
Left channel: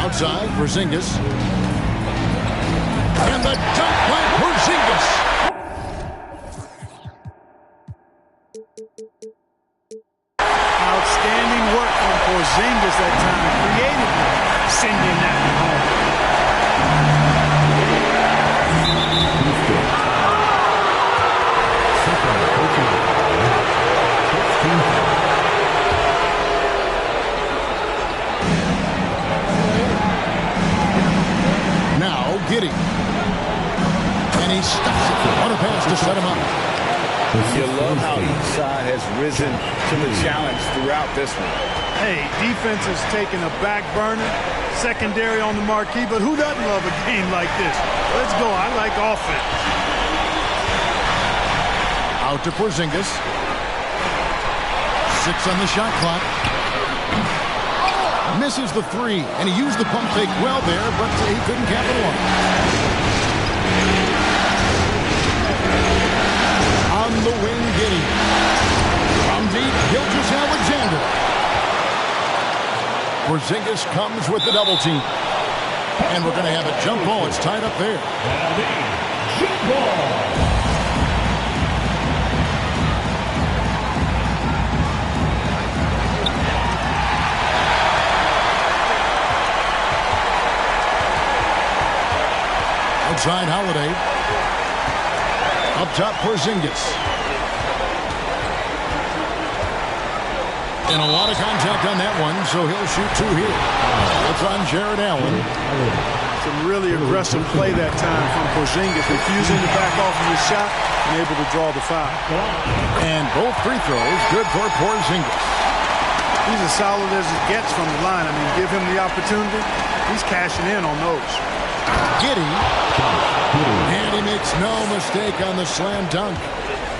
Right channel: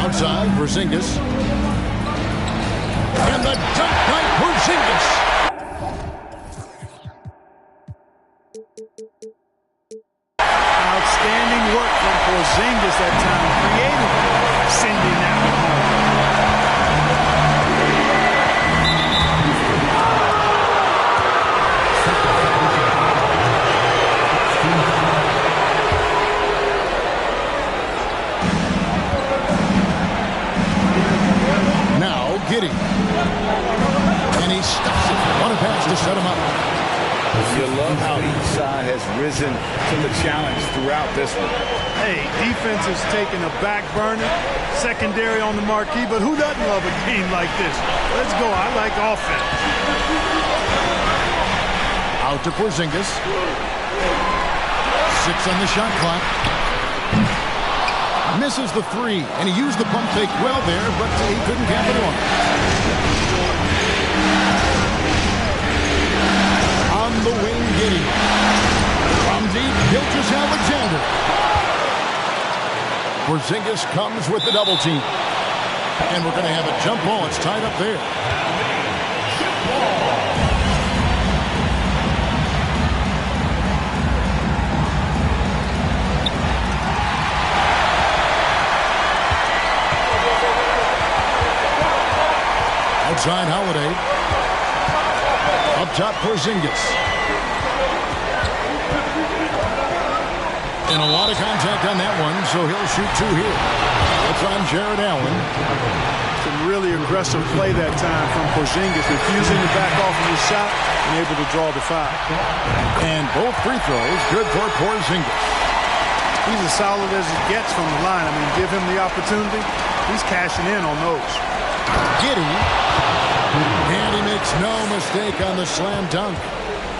Outside, Porzingis. And the dunk by Porzingis. Outstanding work from Porzingis that time, creatively sending that one home. Now Giddey. And he stuffs it. What a pass to set him up. You love how each side has risen to the challenge throughout this one. Hey, defense is taking a back burner, secondary on the marquee, but who doesn't love a game like this? Let's go. I like offense. Out to Porzingis. 6 on the shot clock. Misses the three, and he used the pump fake well there, but he couldn't capitalize. On the wing, Giddey. From deep, Gilgeous-Alexander. Porzingis comes with the double team. And we're going to have a jump ball. It's tied up there. Jump ball. Outside Holiday. Up top, Porzingis. And a lot of contact on that one, so he'll shoot 2 here. That's on Jared Allen. Some really aggressive play that time from Porzingis, refusing to back off of his shot and able to draw the foul. And both free throws good for Porzingis. He's as solid as it gets from the line. I mean, give him the opportunity. He's cashing in on those. Giddey. And he makes no mistake on the slam dunk.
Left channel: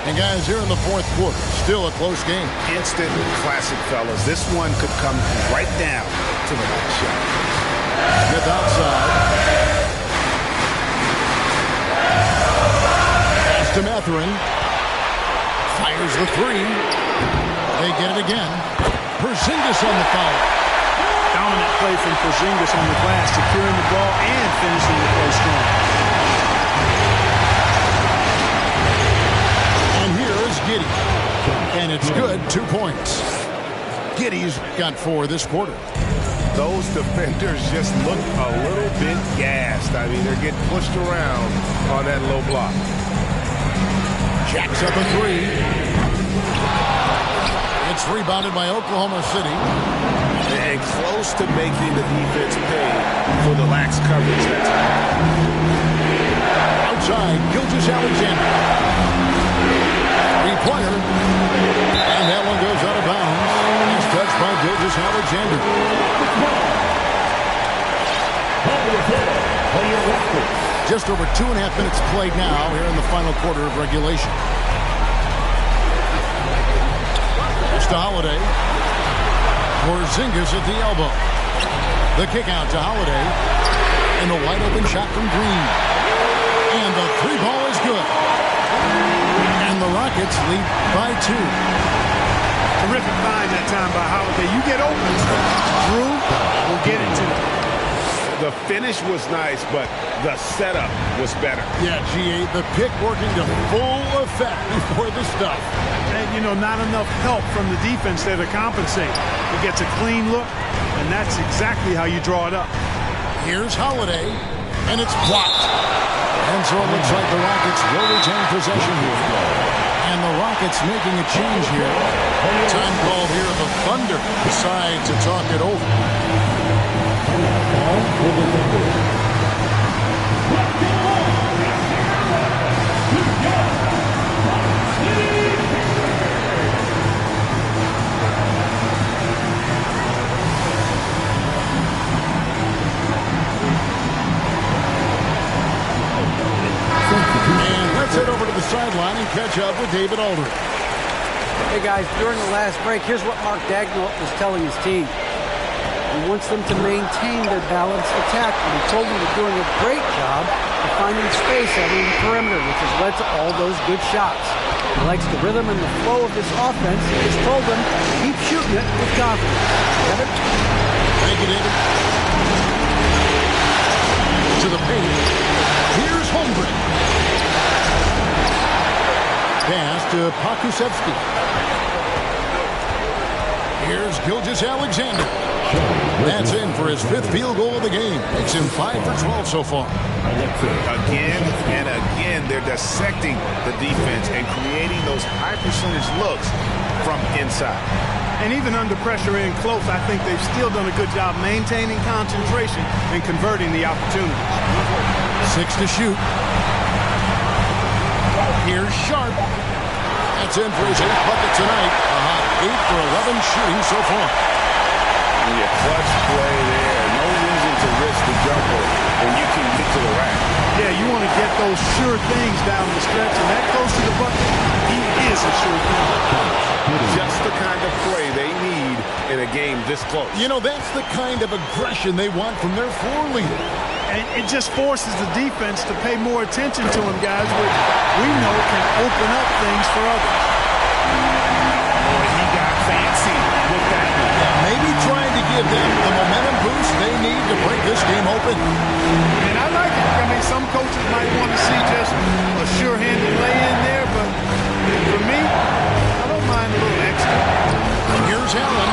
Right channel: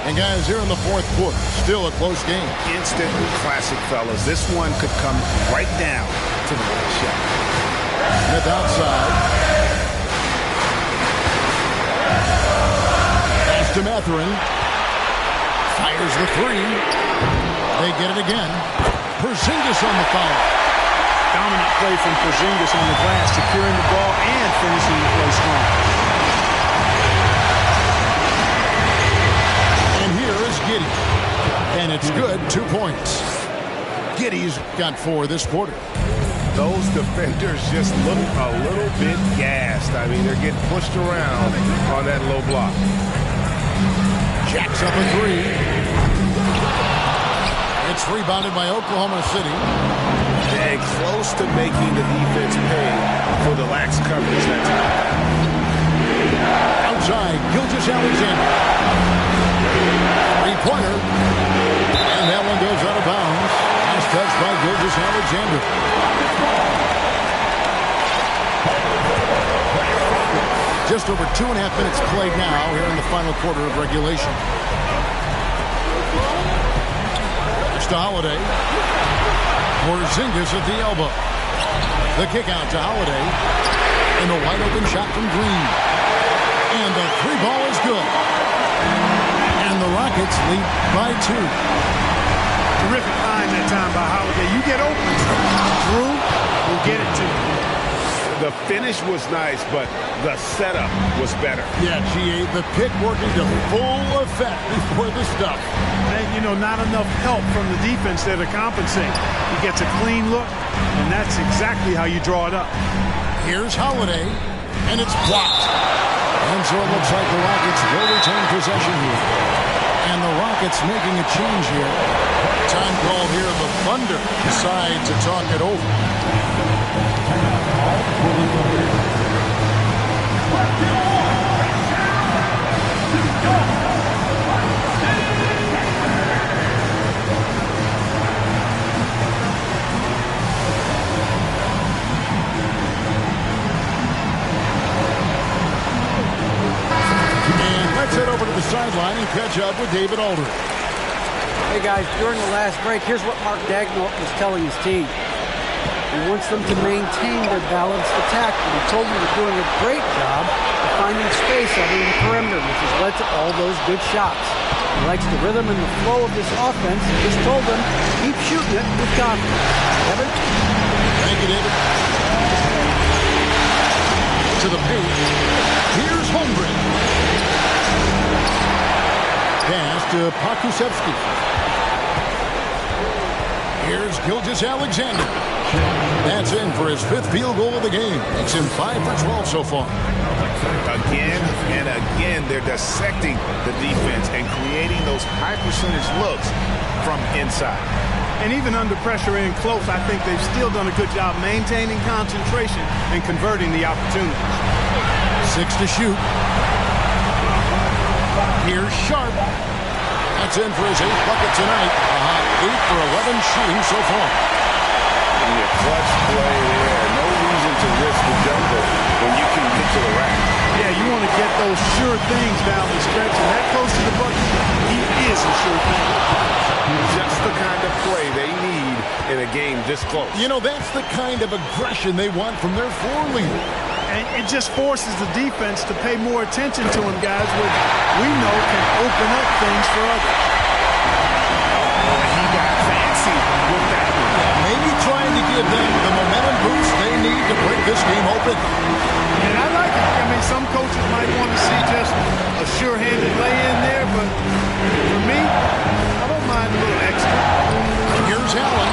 And guys, here in the fourth quarter, still a close game. Instant classic, fellas. This one could come right down to the last shot. Smith outside. Pass to Mathurin. Fires the three. They get it again. Porzingis on the foul. Dominant play from Porzingis on the glass, securing the ball and finishing the play strong. And here is Giddey. And it's good, 2 points. Giddey's got 4 this quarter. Those defenders just look a little bit gassed. I mean, they're getting pushed around on that low block. Jacks up a three. It's rebounded by Oklahoma City. And close to making the defense pay for the lax coverage that time. Outside, Gilgeous-Alexander. catch by Gilgeous-Alexander. Just over 2.5 minutes played now here in the final quarter of regulation. It's to Holiday. Porzingis at the elbow. The kick out to Holiday. And the wide open shot from Green. And the three ball is good. And the Rockets lead by 2. Terrific find that time by Holiday. You get open, Drew will get it to you. The finish was nice, but the setup was better. Yeah, G8, the pick working to full effect before the stuff. And, you know, not enough help from the defense there to compensate. He gets a clean look, and that's exactly how you draw it up. Here's Holiday, and it's blocked. And so it looks like the Rockets will retain possession here. And the Rockets making a change here. Time called here. The Thunder decide to talk it over. And let's head over to the sideline and catch up with David Aldridge. Hey guys, during the last break, here's what Mark Daigneault was telling his team. He wants them to maintain their balanced attack, and he told them they're doing a great job of finding space out in the perimeter, which has led to all those good shots. He likes the rhythm and the flow of this offense. He just told them, keep shooting it with confidence. Kevin? Thank you, David. To the paint. Here's Holmgren. Pass to Pokusevski. Here's Gilgeous-Alexander. That's in for his 5th field goal of the game. Makes him 5 for 12 so far. Again and again, they're dissecting the defense and creating those high percentage looks from inside. And even under pressure in close, I think they've still done a good job maintaining concentration and converting the opportunities. 6 to shoot. Here's Sharp. That's in for his 8th bucket tonight. A hot 8 for 11 shooting so far. Yeah, clutch play there. No reason to risk the jumper when you can get to the rack. Yeah, you want to get those sure things down the stretch, and that close to the bucket, he is a sure thing. Just the kind of play they need in a game this close. You know, that's the kind of aggression they want from their floor leader. And it just forces the defense to pay more attention to him, guys, which we know can open up things for others. Oh, he got fancy with that one. Yeah, maybe trying to give them the momentum boost they need to break this game open. And I like it. I mean, some coaches might want to see just a sure-handed lay-in there, but for me, I don't mind a little extra. Here's Allen.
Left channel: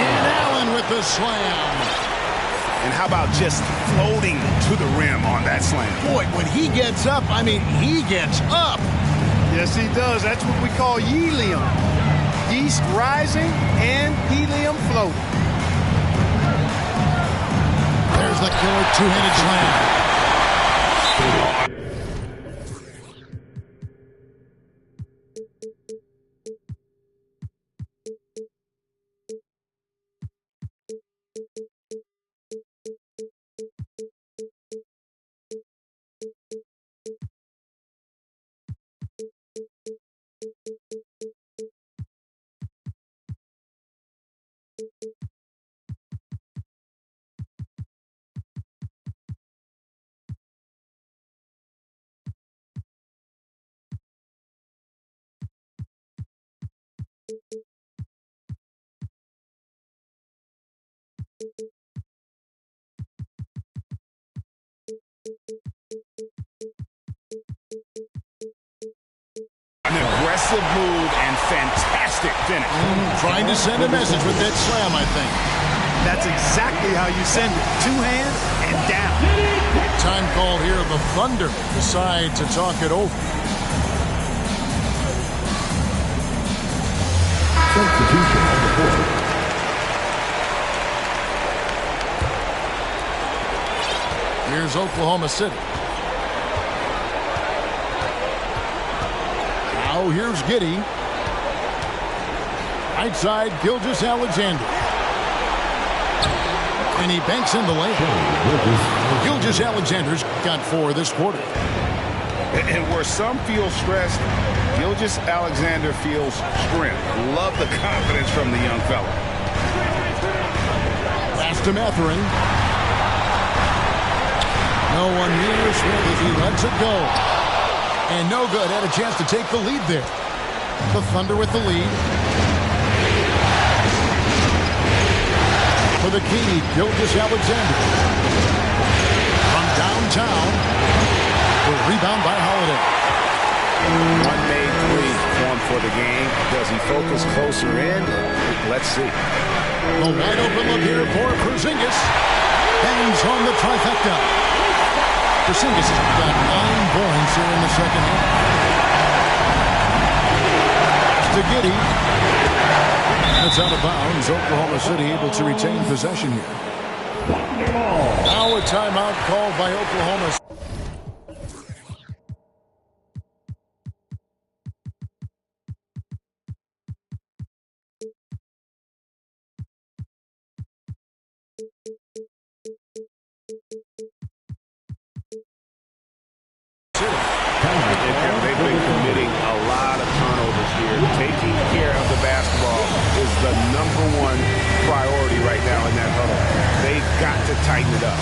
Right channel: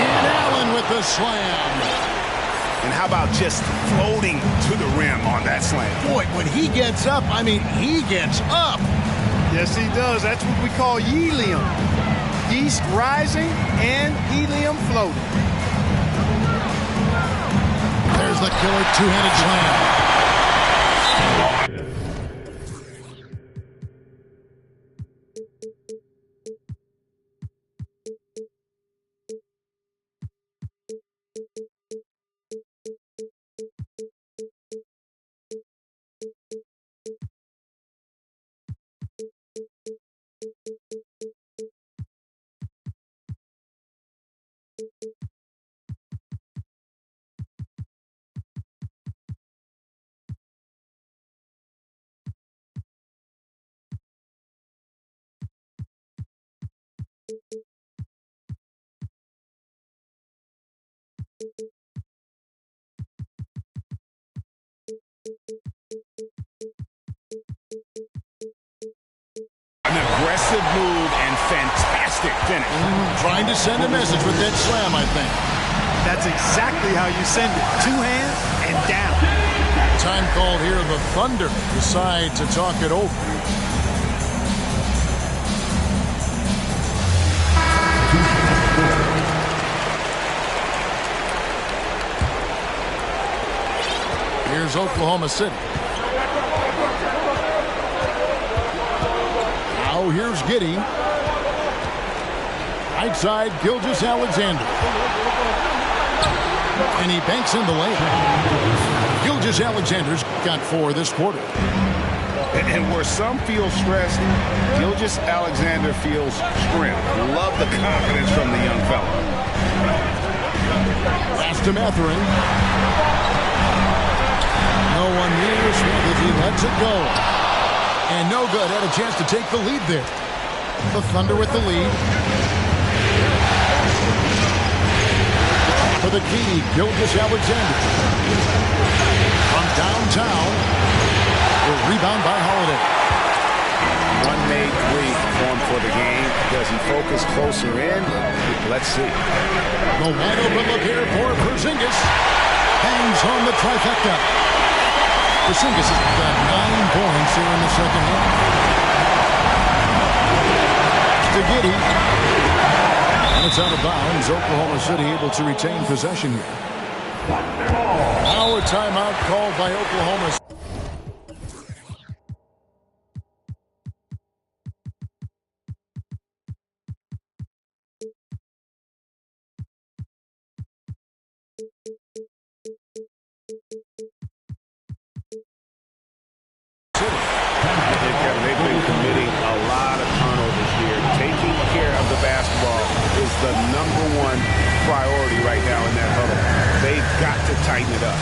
And Allen with the slam. And how about just floating to the rim on that slam? Boy, when he gets up, I mean, he gets up. Yes, he does. That's what we call helium. Yeast rising and helium floating. There's the killer two-handed slam. An aggressive move and fantastic finish. Trying to send a message with that slam, I think. That's exactly how you send it. Two hands and down. Time called here. The Thunder decide to talk it over. Here's Oklahoma City. Now here's Giddey. Right side, Gilgeous-Alexander. And he banks in the layup. Gilgeous-Alexander's got 4 this quarter. And where some feel stressed, Gilgeous-Alexander feels strength. Love the confidence from the young fella. Pass to Mathurin. No one near Smith as he lets it go. And no good. Had a chance to take the lead there. The Thunder with the lead. For the key, Gilgeous-Alexander. From downtown. The rebound by Holiday. One made 3 formed for the game. Does he focus closer in? Let's see. The wide open look here for Porzingis. Bangs home the trifecta. Porzingis has got 9 points here in the second half. To Giddey. And it's out of bounds. Oklahoma City able to retain possession here. Now a timeout called by Oklahoma. They've been committing a lot of turnovers here. Taking care of the basketball is the #1 priority right now in that huddle. They've got to tighten it up.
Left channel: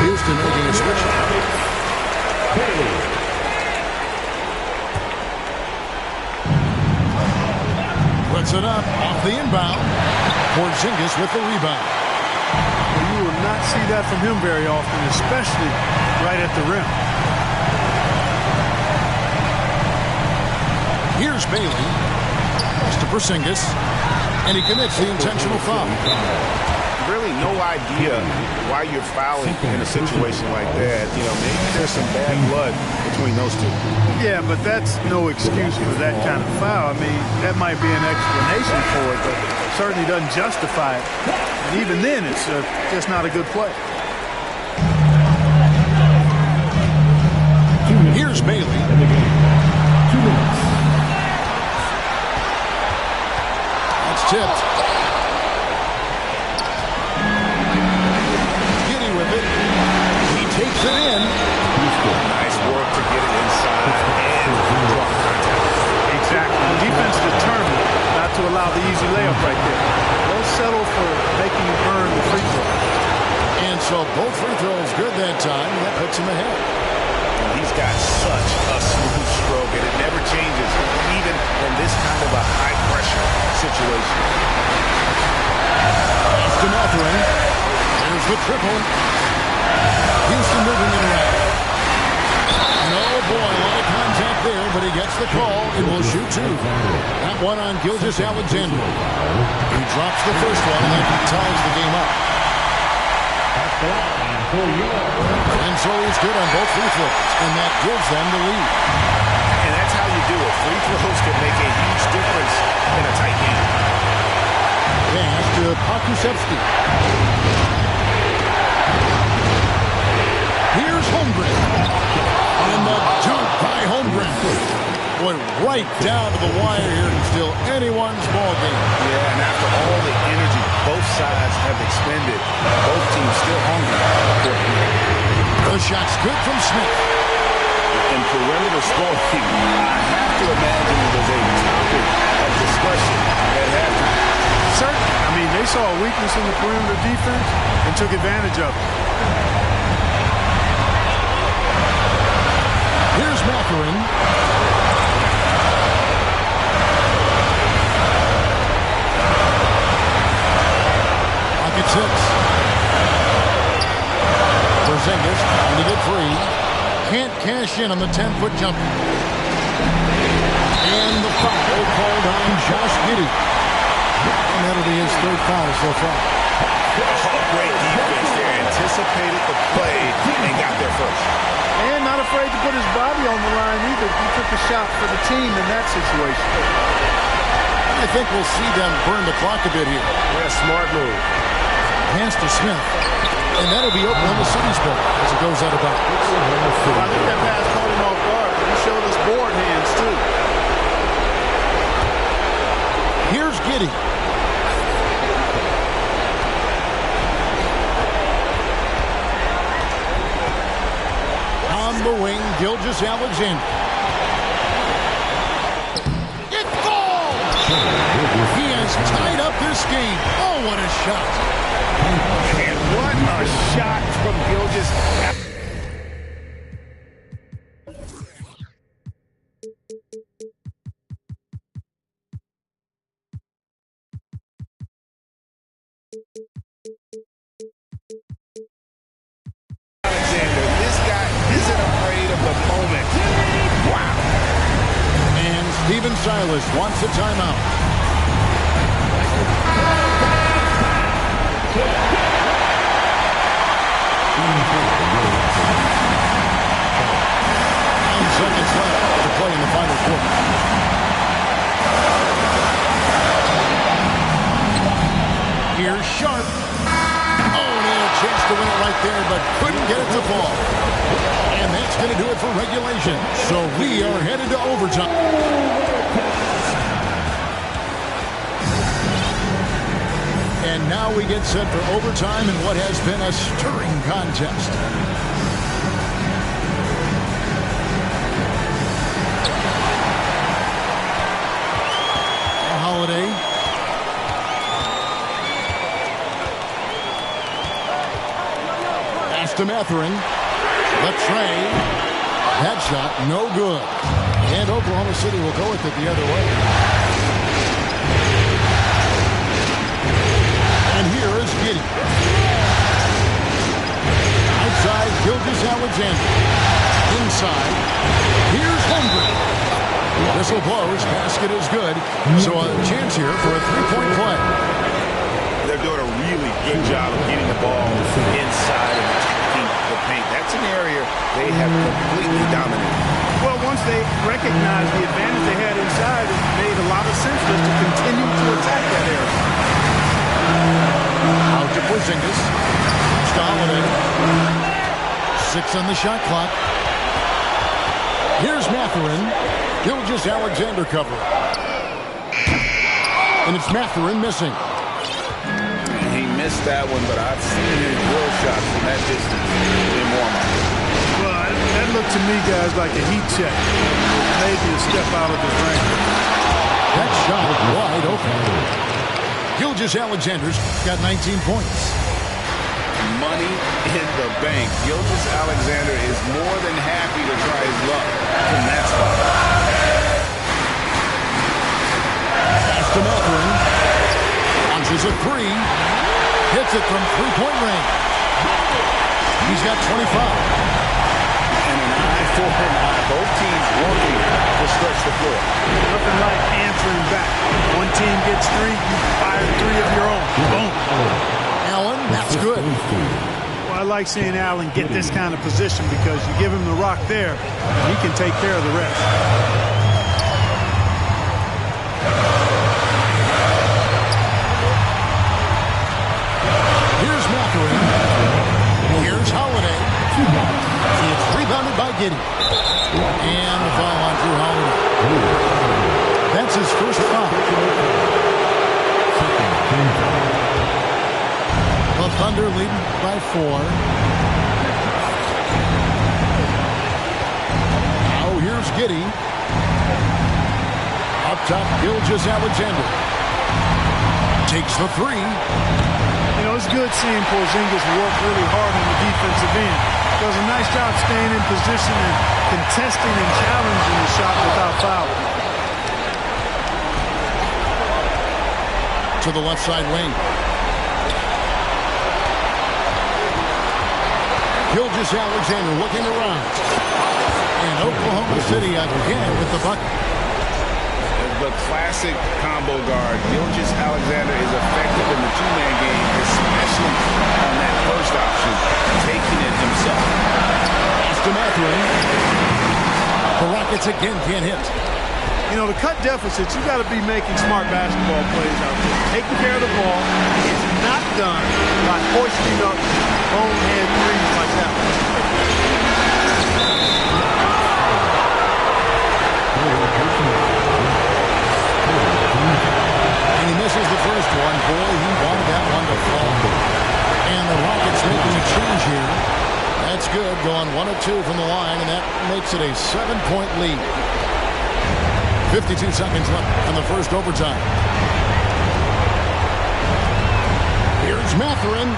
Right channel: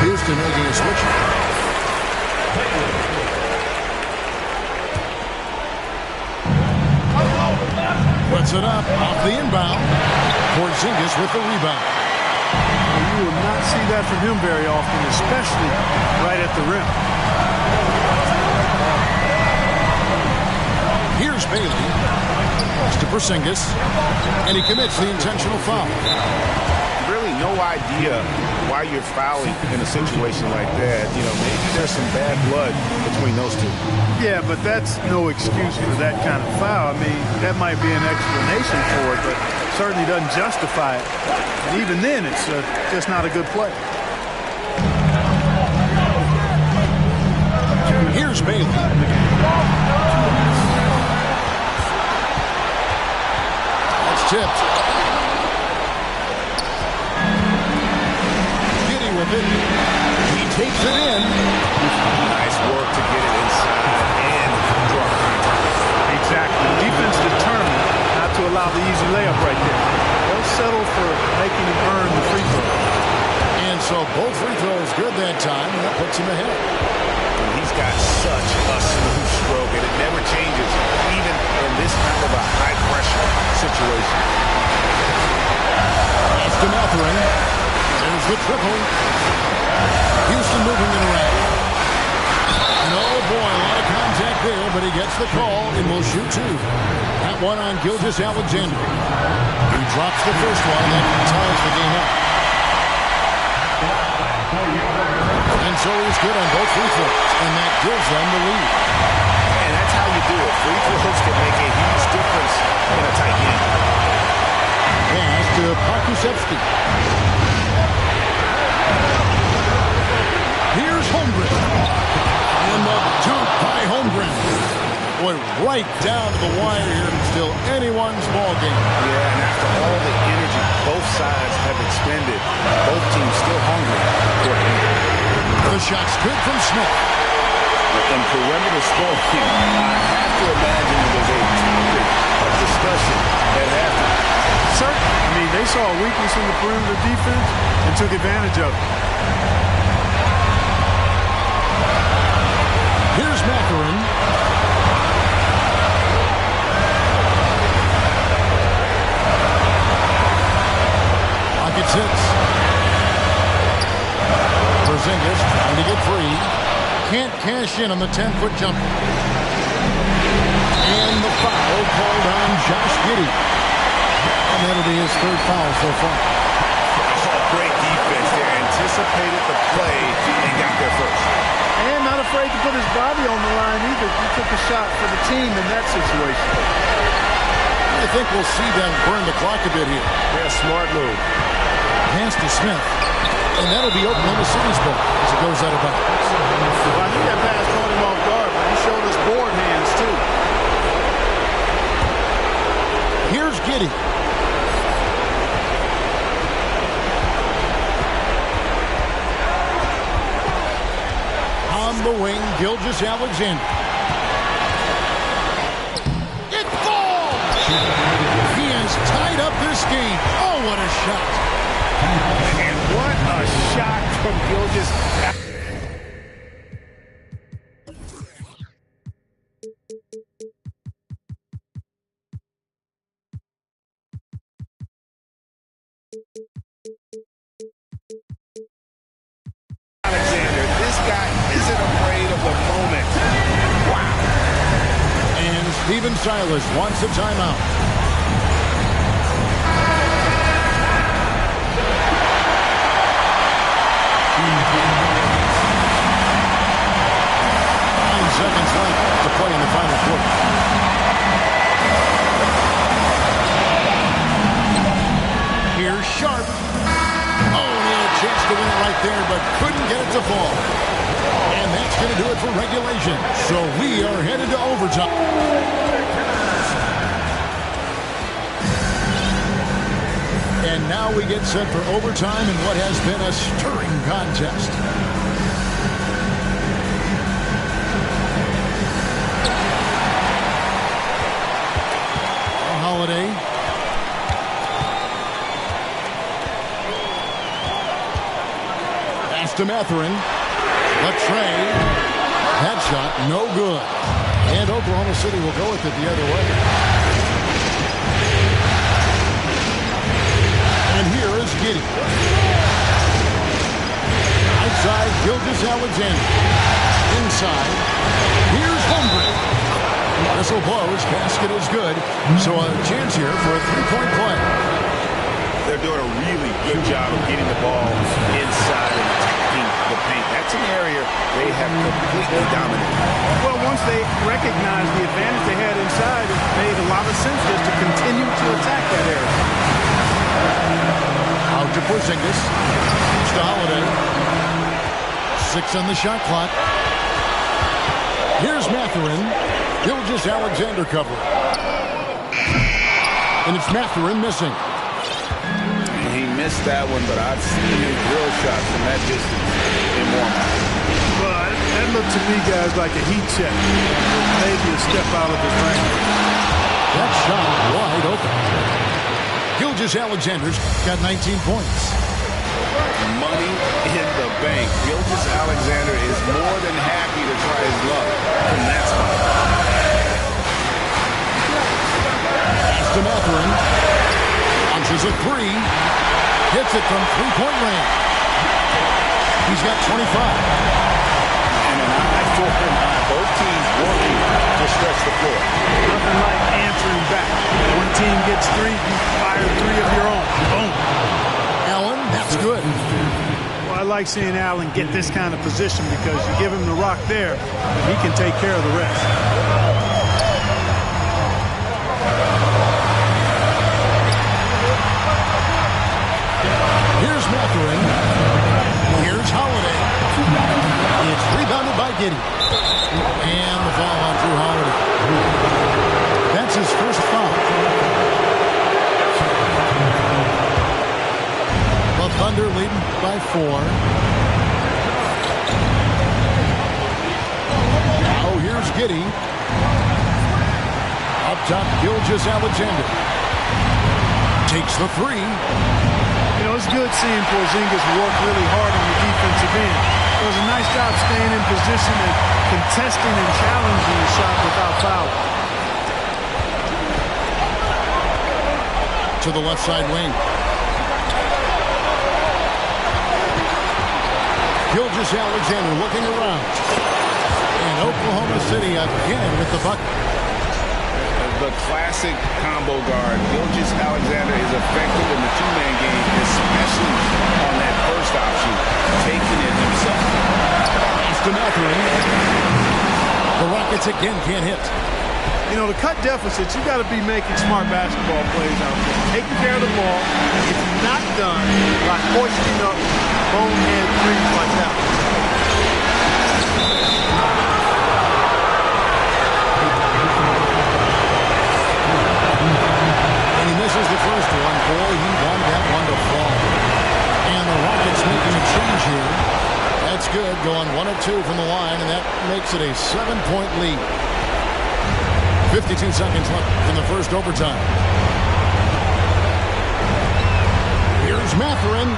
Houston making a switch. Puts it up off the inbound. Porzingis with the rebound. Well, you will not see that from him very often, especially right at the rim. Here's Bailey. Pass to Porzingis. And he commits the intentional foul. Really no idea why you're fouling in a situation like that. You know, maybe there's some bad blood between those two. Yeah, but that's no excuse for that kind of foul. I mean, that might be an explanation for it, but certainly doesn't justify it. And even then, it's just not a good play. Here's Bailey. That's tipped. Giddey with it. He takes it in. Nice work to get it inside and draw contact. Exactly. The defense determined not to allow the easy layup right there. They'll settle for making him earn the free throw. And so both free throws good that time, and that puts him ahead. And he's got such a smooth stroke, and it never changes, even in this kind of a high-pressure situation. Pass to Mathurin. There's the triple. Houston moving it around. And oh boy, a lot of contact there, but he gets the call and will shoot 2. That one on Gilgeous-Alexander. He drops the first one, and that ties the game up. And so he's good on both free throws, and that gives them the lead. And that's how you do it. Free throws can make a huge difference in a tight game. Pass to Pokusevski. Here's Holmgren. And the dunk by Holmgren. Boy, right down to the wire here, and still anyone's ball game. Yeah, and after all the energy both sides have expended, both teams still hungry for the lead. The shot's good from Smith. In perimeter scoring, I have to imagine it was a topic of discussion at halftime. Certainly. I mean, they saw a weakness in the perimeter defense and took advantage of it. Here's Mathurin. Pocket 6. Porzingis trying to get free. Can't cash in on the 10-foot jumper. And the foul called on Josh Giddey. And that'll be his 3rd foul so far. Oh, great defense there. Anticipated the play and got there first. And not afraid to put his body on the line either. He took a shot for the team in that situation. I think we'll see them burn the clock a bit here. Yeah, smart move. Pass to Smith. And that'll be Oklahoma City's ball as it goes out of bounds. I think that pass caught him off guard, but he showed us board hands, too. Here's Giddey. On the wing, Gilgeous-Alexander. It falls! He has tied up this game. Oh, what a shot. And what a shot from Gilgeous. Alexander, this guy isn't afraid of the moment. Wow. And Stephen Silas wants a timeout. Seconds left to play in the final quarter. Here's Sharp. Oh, he had a chance to win it right there, but couldn't get it to fall. And that's going to do it for regulation. So we are headed to overtime. And now we get set for overtime in what has been a stirring contest. Holiday. Pass to Mathurin. Latrey. That shot, no good. And Oklahoma City will go with it the other way. And here is Giddey. Outside, Gilgeous-Alexander. Inside. Here's Holmgren. Whistle blows. Basket is good. So a chance here for a three-point play. They're doing a really good job of getting the ball inside and attacking the paint. That's an area they have completely dominated. Well, once they recognized the advantage they had inside, it made a lot of sense just to continue to attack that area. Out to Porzingis. To Holiday. 6 on the shot clock. Here's Mathurin. Gilgeous-Alexander cover. And it's Mathurin missing. He missed that one, but I've seen him drill shots from that distance in warm-up. Well, that looked to me, guys, like a heat check. Maybe a step out of his range. That shot wide open. Gilgeous-Alexander's got 19 points. Money in the bank. Gilgeous-Alexander is more than happy to try his luck from that spot. Pass to Mathurin. Launches a three. Hits it from three-point range. He's got 25. And an eye for an eye. Both teams working to stretch the floor. Nothing like answering back. One team gets three, you fire three of your own. Boom. Allen, that's good. Well, I like seeing Allen get this kind of position because you give him the rock there, and he can take care of the rest. Here's Mathurin. Here's Holiday. It's rebounded by Giddey. And the foul on Drew Holiday. That's his first foul. The Thunder leading by 4. Now here's Giddey. Up top, Gilgeous-Alexander. Takes the three. You know, it's good seeing Porzingis work really hard on the defensive end. Does a nice job staying in position and contesting and challenging the shot without fouling. To the left side wing. Gilgeous-Alexander looking around. And Oklahoma City again with the bucket. The classic combo guard. Gilgeous-Alexander is effective in the two-man game, especially on that first option, taking it himself. Pass to Mathurin. The Rockets again can't hit. You know, to cut deficits, you got to be making smart basketball plays out there. Taking care of the ball. It's not done by hoisting up bonehead threes like that. And he misses the first one. Boy, he wanted that one to fall. And the Rockets making a change here. That's good, going 1 of 2 from the line, and that makes it a 7-point lead. 52 seconds left in the first overtime. Here's Mathurin.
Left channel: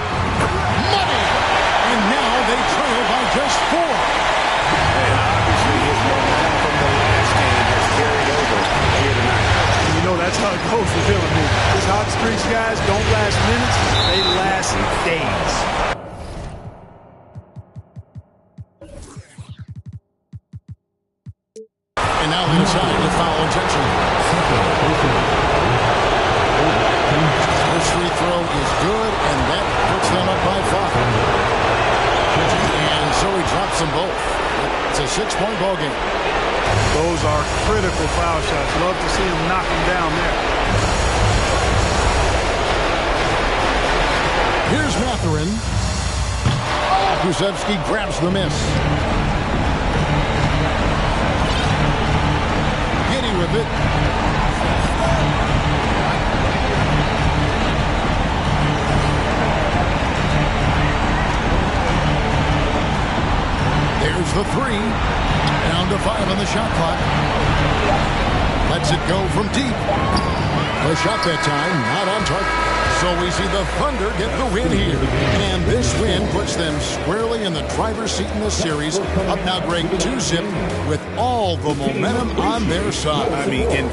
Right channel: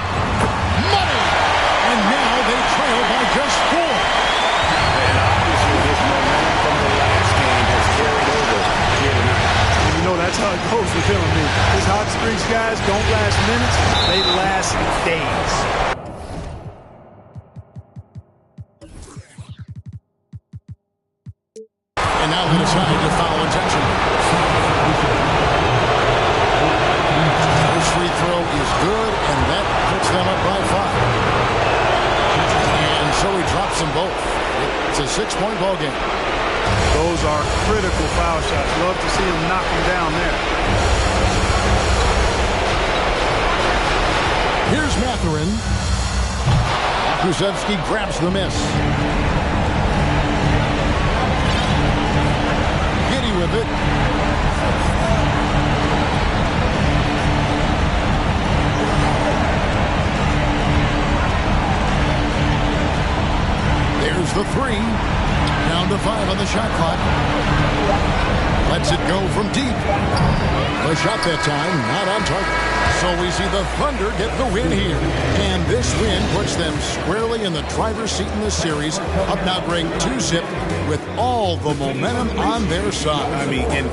Money! And now they trail by just 4. And obviously his momentum from the last game has carried over here tonight. And you know, that's how it goes with him. I mean, his hot streaks, guys, don't last minutes. They last days. And now they decide to foul intentionally. First free throw is good, and that puts them up by 5. And so he drops them both. It's a 6-point ball game. Those are critical foul shots. Love to see him knock them down there. Here's Mathurin. Kulusevski grabs the miss. Giddy with it. There's the 3. Down to 5 on the shot clock. Lets it go from deep. The shot that time not on target. So we see the Thunder get the win here. And this win puts them squarely in the driver's seat in the series. Up now, Greg, 2-zip with all the momentum on their side. I mean,